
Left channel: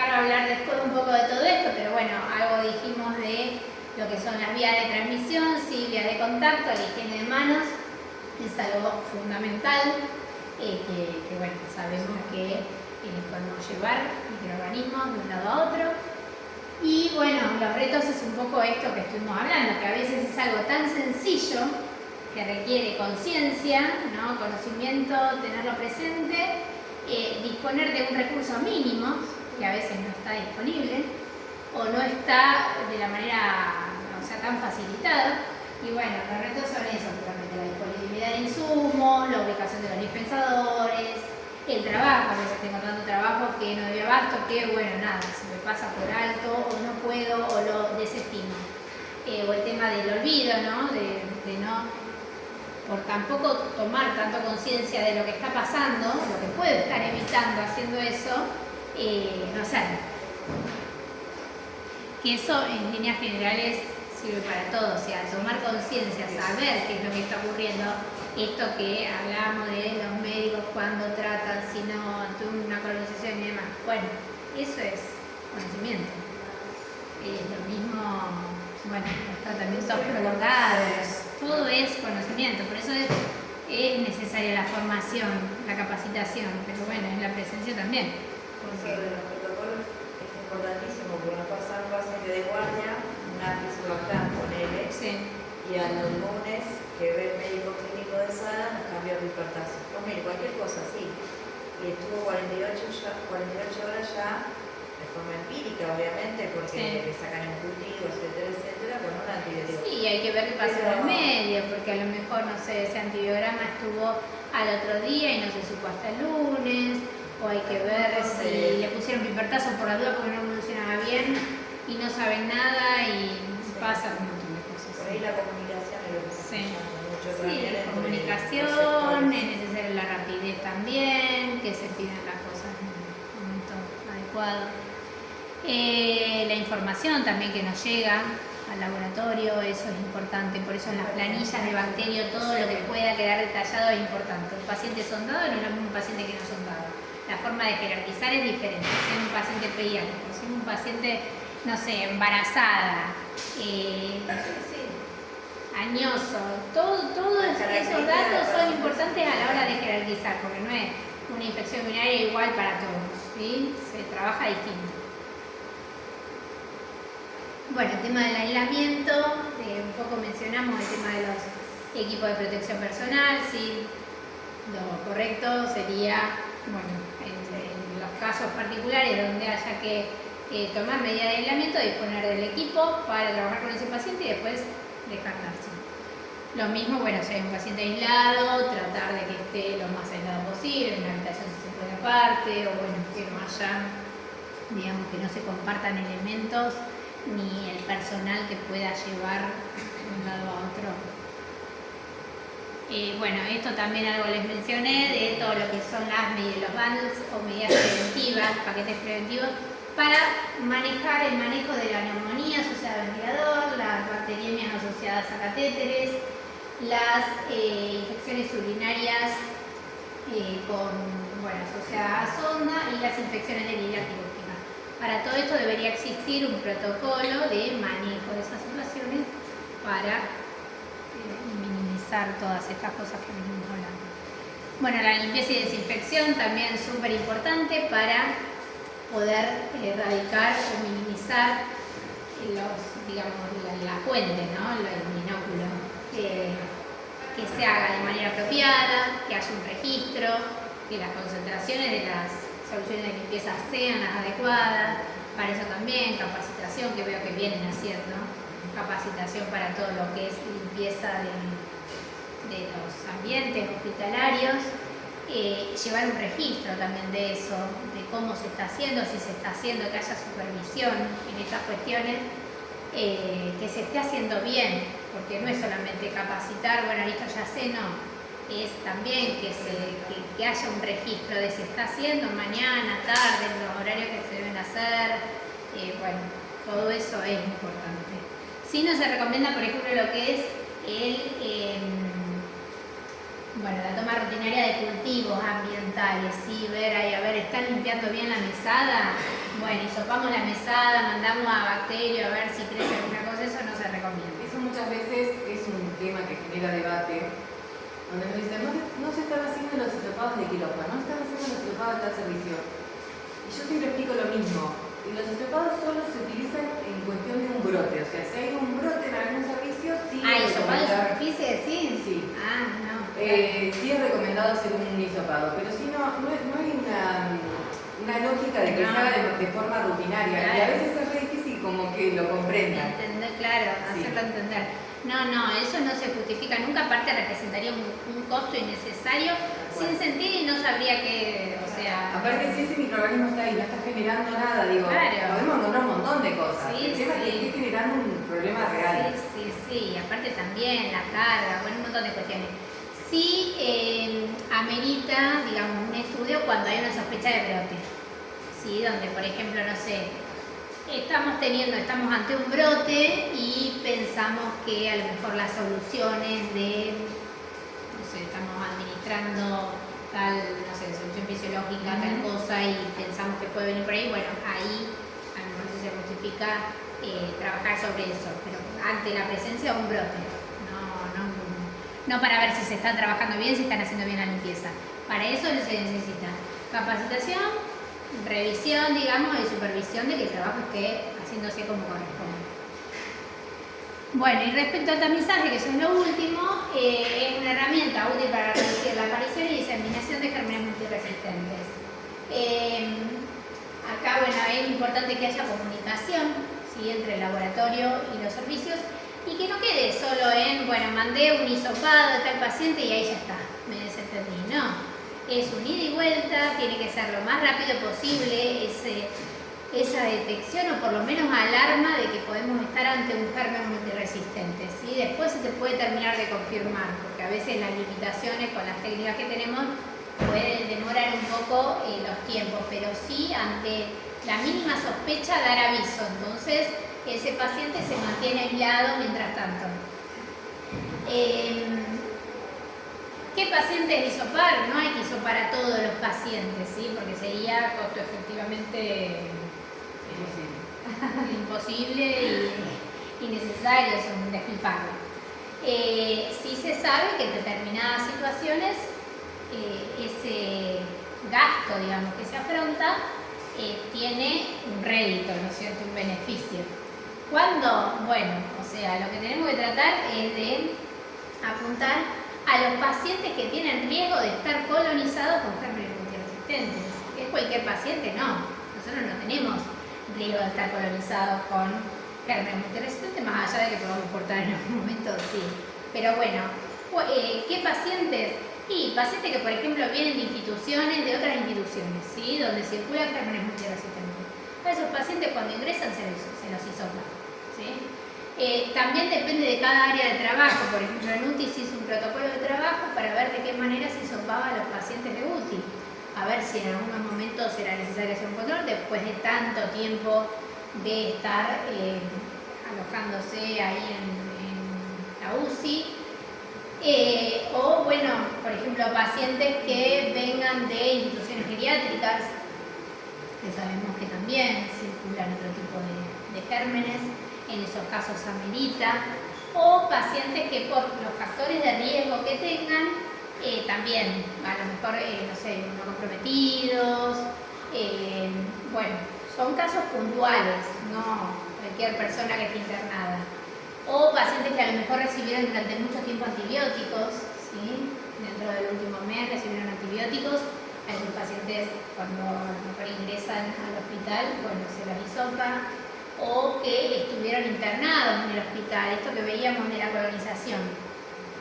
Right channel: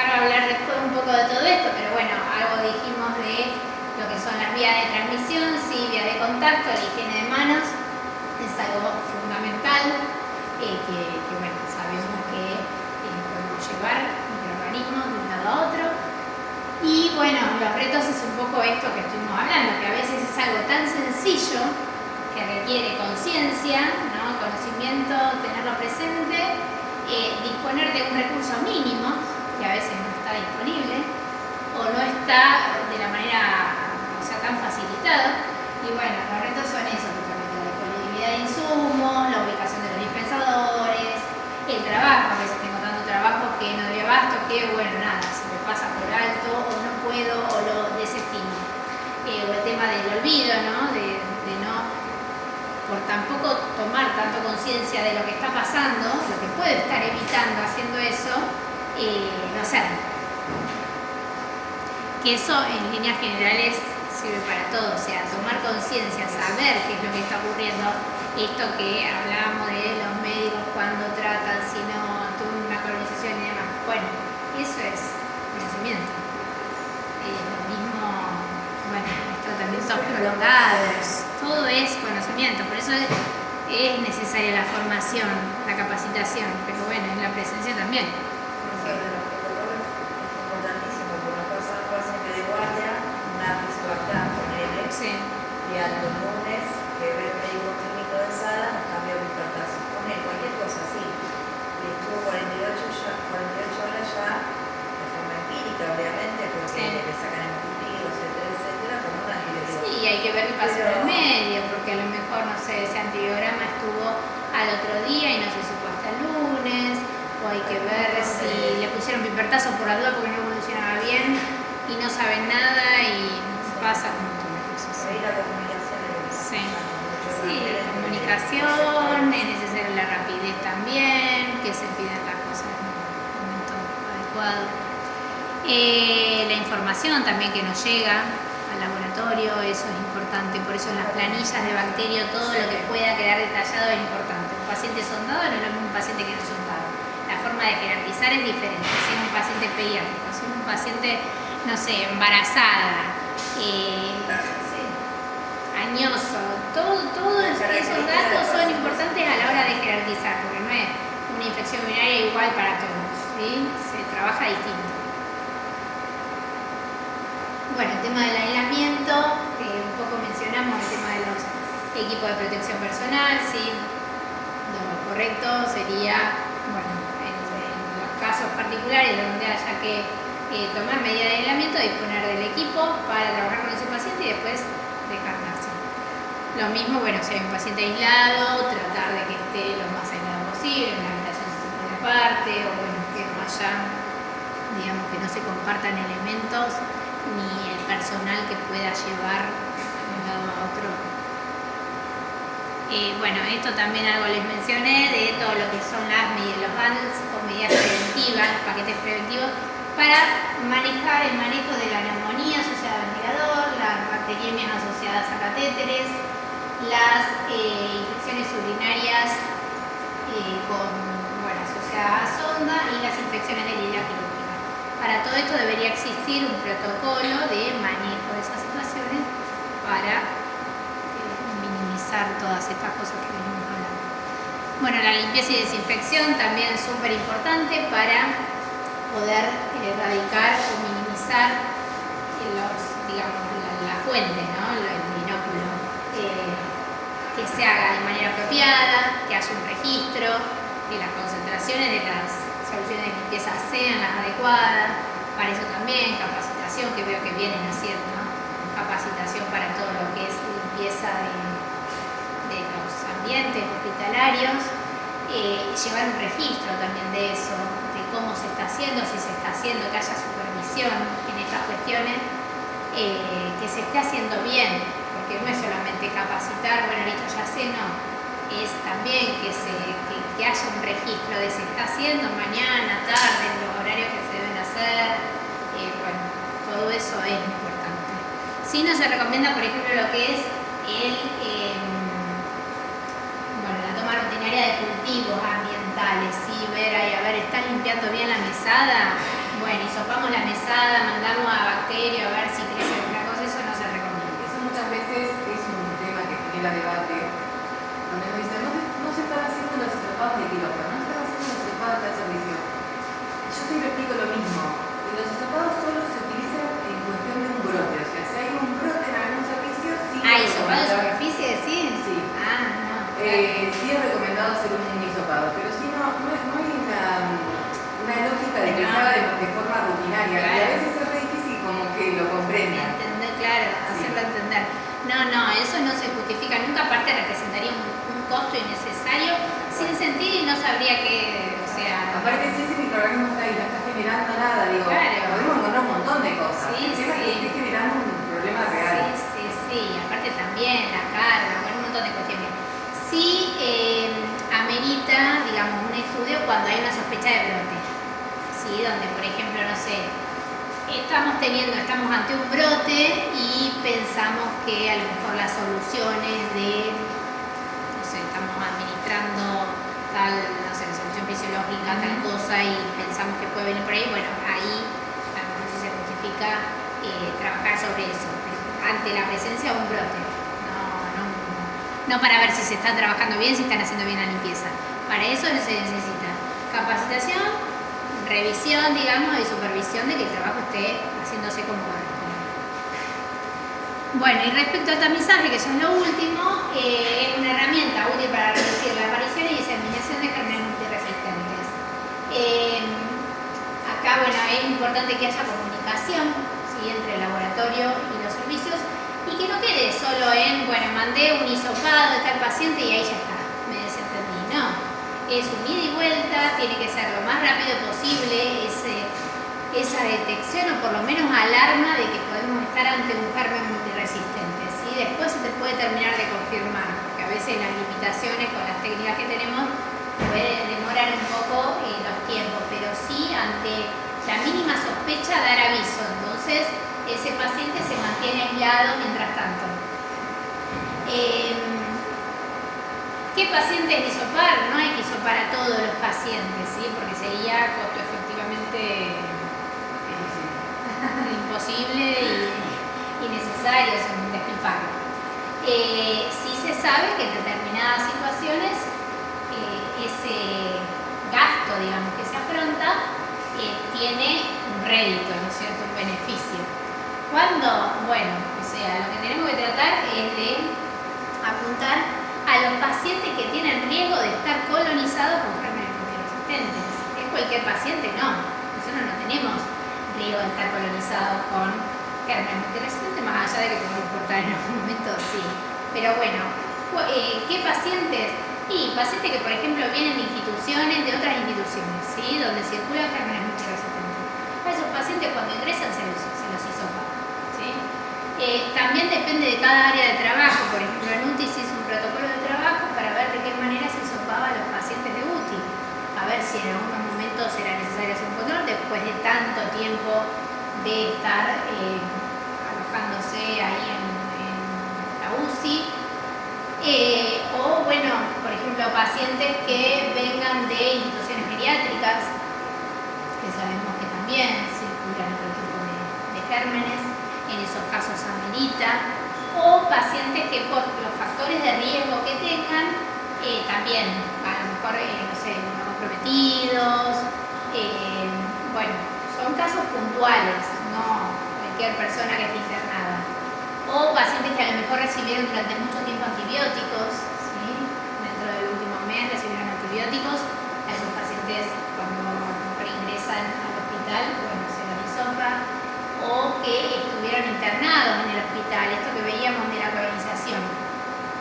ahora voy a hablar después un poco de todo esto, pero bueno, algo dijimos de lo que son las vías de transmisión, sí, vías de contacto, la higiene de manos es algo fundamental, que bueno, sabemos que podemos llevar microorganismos de un lado a otro. Y bueno, los retos es un poco esto que estuvimos hablando, que a veces es algo tan sencillo que requiere conciencia, ¿no? Conocimiento, tenerlo presente, disponer de un recurso mínimo, que a veces no está disponible, o no está de la manera, o sea, tan facilitado. Y bueno, los retos son esos, totalmente, la disponibilidad de trabajo, a veces tengo tanto trabajo que no doy abasto, que bueno, nada, se me pasa por alto o no puedo o lo desestimo. O el tema del olvido, ¿no? De no, por tampoco tomar tanto conciencia de lo que está pasando, lo que puedo estar evitando haciendo eso, no hacerlo. Y eso en líneas generales sirve para todo, o sea, tomar conciencia, saber qué es lo que está ocurriendo. Esto que hablábamos de los médicos cuando tratan, si no, tuve una colonización y demás. Bueno, eso es conocimiento. Lo mismo, bueno, los tratamientos prolongados, todo es conocimiento, por eso es necesaria la formación, la capacitación, pero bueno, en la presencia también. Eso de los protocolos es importantísimo, porque nos pasa un paciente de guardia, una pisobactam, ponele, Sí. y al lunes que ve el médico clínico de sala nos cambia el hipertazo. Ponele cualquier cosa así. Y estuvo 48 horas ya, de forma empírica, obviamente, porque Sí. le sacan el cultivo, etcétera, con un antibiótico. Sí, hay que ver qué pasa en el Pero- medio, porque a lo mejor, no sé, ese antibiograma estuvo al otro día y no se supo hasta el lunes, o hay que ver si le pusieron pipertazo por la duda porque no evolucionaba bien y no saben nada y pasa un montón de cosas. Por ahí la comunicación es lo que está Sí. pasando mucho Sí, también la entre comunicación, los es necesaria la rapidez también, que se pidan las cosas en un momento adecuado. La información también que nos llega al laboratorio, eso es importante, por eso en las planillas de bacterio todo lo que pueda quedar detallado es importante. Un paciente sondado no es lo mismo un paciente que no sondado. La forma de jerarquizar es diferente, si es un paciente pediátrico, si es un paciente, no sé, embarazada, añoso, todos esos datos son importantes a la hora de jerarquizar, porque no es una infección urinaria igual para todos, ¿sí? Se trabaja distinto. Bueno, el tema del aislamiento, un poco mencionamos el tema de los equipos de protección personal, ¿sí? Lo correcto sería, bueno, en los casos particulares donde haya que tomar medidas de aislamiento, disponer del equipo para trabajar con ese paciente y después descartarse. Lo mismo, bueno, si hay un paciente aislado, tratar de que esté lo más aislado posible, en una habitación si se puede aparte, o bueno, que no haya, digamos, que no se compartan elementos ni el personal que pueda llevar de un lado a otro. Bueno, esto también algo les mencioné de todo lo que son las medidas, los bans o medidas preventivas, paquetes preventivos, para manejar el manejo de la neumonía asociada al ventilador, las bacteriemias asociadas a catéteres, las infecciones urinarias asociadas a sonda y las infecciones de lidia quirúrgica. Para todo esto debería existir un protocolo de manejo de esas situaciones para minimizar todas estas cosas que venimos hablando. Bueno, la limpieza y desinfección también es súper importante para poder erradicar o minimizar la fuente, ¿no? El binóculo, que se haga de manera apropiada, que haya un registro, que las concentraciones de las soluciones de limpieza sean las adecuadas. Para eso también capacitación, que veo que vienen haciendo, capacitación para todo lo que es limpieza de los ambientes hospitalarios. Llevar un registro también de eso, de cómo se está haciendo, si se está haciendo, que haya supervisión en estas cuestiones, que se esté haciendo bien, porque no es solamente capacitar, bueno, listo, ya sé, no, es también que haya un registro de se está haciendo mañana, tarde, los horarios que se deben hacer, bueno, todo eso es importante. Sí, no se recomienda, por ejemplo, lo que es la toma rutinaria de cultivos ambientales, ¿sí? Ver ahí, a ver, ¿están limpiando bien la mesada? Bueno, hisopamos la mesada, mandamos a bacterio a ver si crece alguna cosa, eso no se recomienda. Eso muchas veces es un tema que genera debate, donde nos dicen, no se están haciendo los hisopados de quirófano, no se están haciendo los hisopados de tal servicio. Y yo siempre explico lo mismo, y los hisopados solo se utilizan en cuestión de un brote, o sea, si hay un brote en algún servicio, sí. ¿Hisopado de superficie, sí? Sí. Ah, no. Sí es recomendado hacer un hisopado, pero si no hay una lógica de que se haga de forma rutinaria, y a veces es re difícil como que lo comprendan. Entender, claro, Sí. hacerlo entender. No, eso no se justifica nunca, aparte representaría un costo innecesario, sin sentido y no sabría qué, o sea... Aparte, si ese microorganismo está ahí, no está generando nada, digo, Claro. podemos encontrar un montón de cosas. Sí, El tema es que sí. esté generando un problema real. Sí, aparte también la carga, bueno, un montón de cuestiones. Sí amerita, digamos, un estudio cuando hay una sospecha de brote, ¿sí? Donde, por ejemplo, no sé, estamos ante un brote y pensamos que a lo mejor las soluciones de, no sé, estamos administrando tal, no sé, solución fisiológica, tal cosa y pensamos que puede venir por ahí, bueno, ahí a lo mejor sí se justifica trabajar sobre eso, pero ante la presencia de un brote, no para ver si se está trabajando bien, si están haciendo bien la limpieza. Para eso se necesita capacitación, revisión, digamos, y supervisión de que el trabajo esté haciéndose como corresponde. Bueno, y respecto al tamizaje, que eso es lo último, es una herramienta útil para reducir la aparición y diseminación de gérmenes multiresistentes. Acá, bueno, es importante que haya comunicación, ¿sí?, entre el laboratorio y los servicios y que no quede solo en, bueno, mandé un hisopado de tal paciente y ahí ya está, me desentendí. No, es un ida y vuelta, tiene que ser lo más rápido posible esa detección o por lo menos alarma de que podemos estar ante un germen multiresistente, ¿sí? Después se te puede terminar de confirmar, porque a veces las limitaciones con las técnicas que tenemos pueden demorar un poco los tiempos, pero sí ante la mínima sospecha dar aviso. Entonces ese paciente se mantiene aislado mientras tanto. ¿Qué pacientes hisopar? No hay que hisopar a todos los pacientes, ¿sí? Porque sería costo efectivamente imposible y innecesario, es un despilfarro. Sí se sabe que en determinadas situaciones ese gasto, digamos, que se afronta tiene un rédito, ¿no es cierto?, un beneficio. ¿Cuándo? Bueno, o sea, lo que tenemos que tratar es de apuntar a los pacientes que tienen riesgo de estar colonizados con gérmenes multiresistentes. ¿Es cualquier paciente? No. Nosotros no tenemos riesgo de estar colonizados con gérmenes multiresistentes, más allá de que podemos portar en algún momento, sí. Pero bueno, ¿qué pacientes? Y pacientes que, por ejemplo, vienen de instituciones, de otras instituciones, ¿sí?, donde circulan gérmenes multiresistentes. A esos pacientes cuando ingresan se los hisopa, ¿sí? También depende de cada área de trabajo. Por ejemplo, en UTI se hizo un protocolo de trabajo para ver de qué manera se hisopaba a los pacientes de UTI. A ver si en algunos momentos era necesario hacer un control después de tanto tiempo de estar alojándose ahí en la UCI. O bueno, por ejemplo, pacientes que vengan de instituciones geriátricas, que sabemos que también circulan otro tipo de gérmenes, en esos casos amerita, o pacientes que por los factores de riesgo que tengan, también a lo mejor, no sé, inmunocomprometidos, bueno, son casos puntuales, no cualquier persona que esté internada. O pacientes que a lo mejor recibieron durante mucho tiempo antibióticos, ¿sí?, dentro del último mes recibieron antibióticos. A esos pacientes, cuando a lo mejor ingresan al hospital, bueno, se los hisopa. O que estuvieron internados en el hospital, esto que veíamos de la colonización.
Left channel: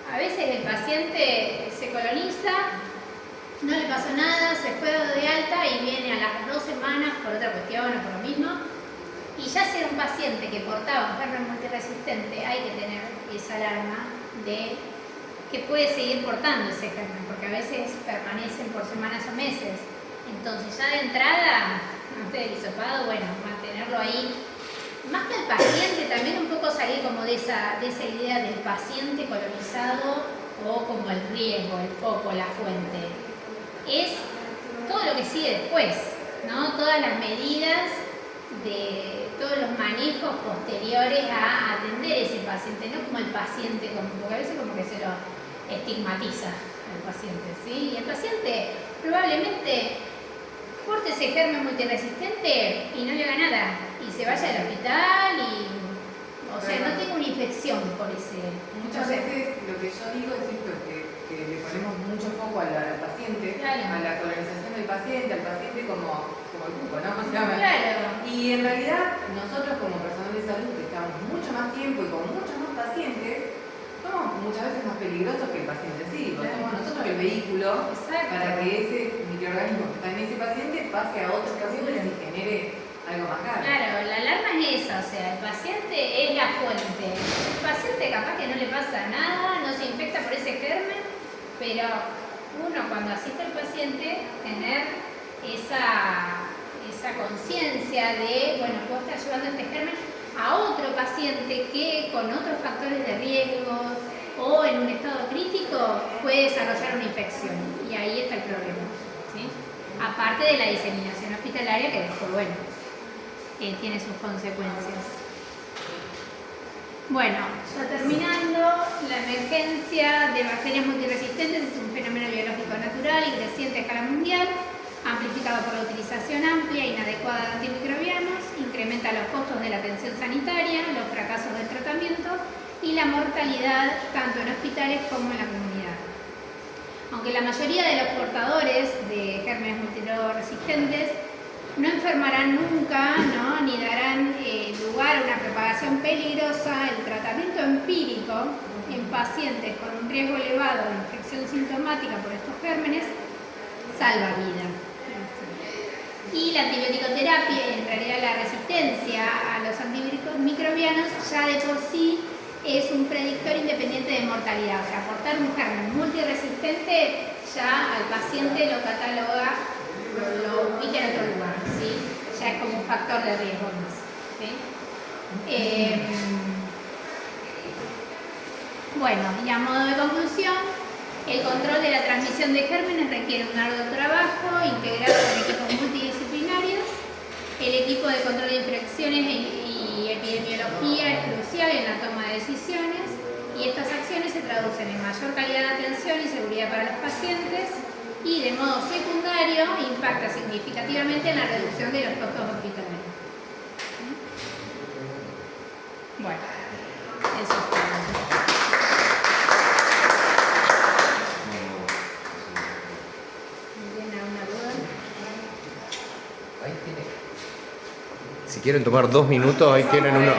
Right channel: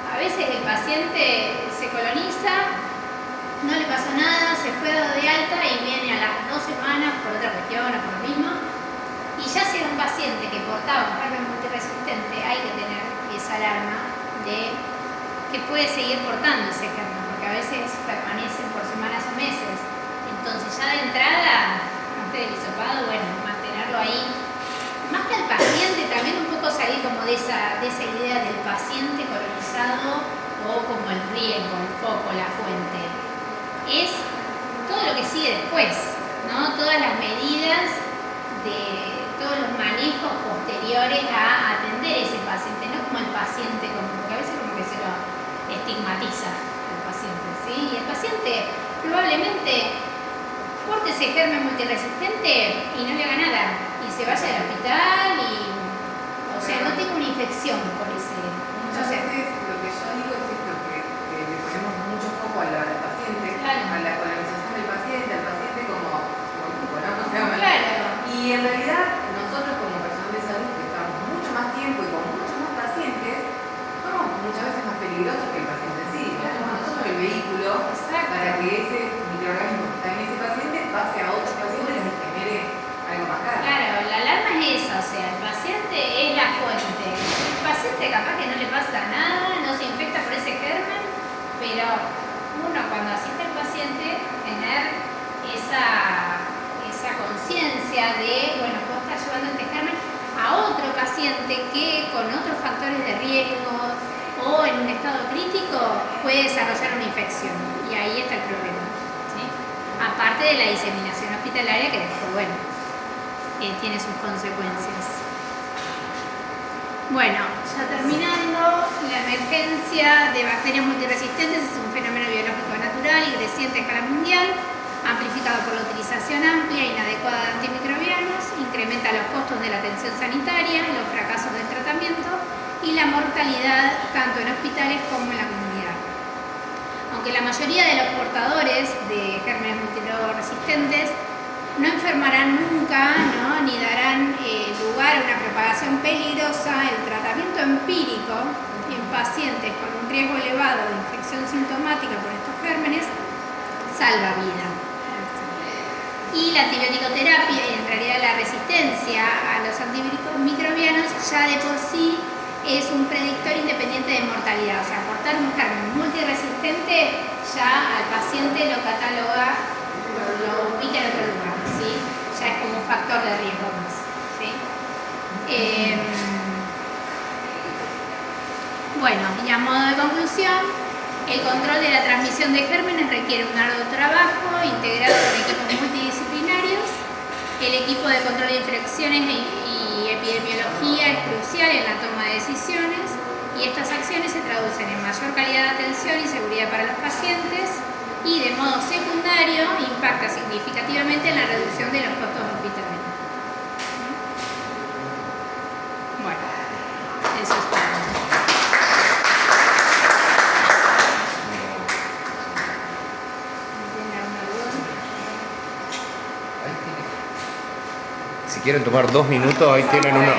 A veces el paciente se coloniza, no le pasó nada, se fue dado de alta y viene a las 2 semanas por otra cuestión o por lo mismo. Y ya si era un paciente que portaba un germen multiresistente, hay que tener esa alarma de que puede seguir portando ese germen, porque a veces permanecen por semanas o meses. Entonces ya de entrada, antes del hisopado, bueno, mantenerlo ahí. Más que al paciente, también un poco salir como de esa idea del paciente colonizado o como el riesgo, el foco, la fuente. Es todo lo que sigue después, ¿no? Todas las medidas de todos los manejos posteriores a atender ese paciente, no como el paciente, porque a veces como que se lo estigmatiza al paciente, ¿sí? Y el paciente probablemente porte ese germen multiresistente y no le haga nada, y se vaya al hospital y, o sea, no tenga una infección por ese. Muchas veces lo que yo digo es esto, que le ponemos mucho foco al paciente, claro, a la colonización del paciente, al paciente como el grupo, ¿no? Claro. Y en realidad nosotros como personal de salud que estamos mucho más tiempo y con muchos más pacientes, peligrosos que el paciente en sí. Le damos a nosotros el vehículo Exacto. para que ese microorganismo que está en ese paciente pase a otros pacientes y genere algo más caro. Claro, la alarma es esa, o sea, el paciente es la fuente. El paciente capaz que no le pasa nada, no se infecta por ese germen, pero uno cuando asiste al paciente, tener esa conciencia de, bueno, puedo estar llevando este germen a otro paciente que con otros factores de riesgo o en un estado crítico puede desarrollar una infección. Y ahí está el problema, ¿sí? Aparte de la diseminación hospitalaria que después, bueno, tiene sus consecuencias. Bueno, ya terminando, la emergencia de bacterias multiresistentes es un fenómeno biológico natural y creciente a escala mundial, amplificado por la utilización amplia e inadecuada de antimicrobianos, incrementa los costos de la atención sanitaria, los fracasos del tratamiento y la mortalidad tanto en hospitales como en la comunidad. Aunque la mayoría de los portadores de gérmenes multiresistentes no enfermarán nunca, ¿no? Ni darán lugar a una propagación peligrosa, el tratamiento empírico en pacientes con un riesgo elevado de infección sintomática por estos gérmenes salva vida. Y la antibioticoterapia y en realidad la resistencia a los antimicrobianos ya de por sí es un predictor independiente de mortalidad. O sea, aportar un germen multiresistente ya al paciente lo cataloga, lo ubica en otro lugar, ¿sí? Ya es como un factor de riesgo más, ¿sí? Bueno, y a modo de conclusión, el control de la transmisión de gérmenes requiere un arduo trabajo integrado con equipos multidisciplinarios. El equipo de control de infecciones y epidemiología es crucial en la toma de decisiones y estas acciones se traducen en mayor calidad de atención y seguridad para los pacientes y de modo secundario impacta significativamente en la reducción de los costos hospitalarios. Bueno, eso es todo. ¿Tiene alguna duda? Si quieren tomar 2 minutos, ahí tienen una.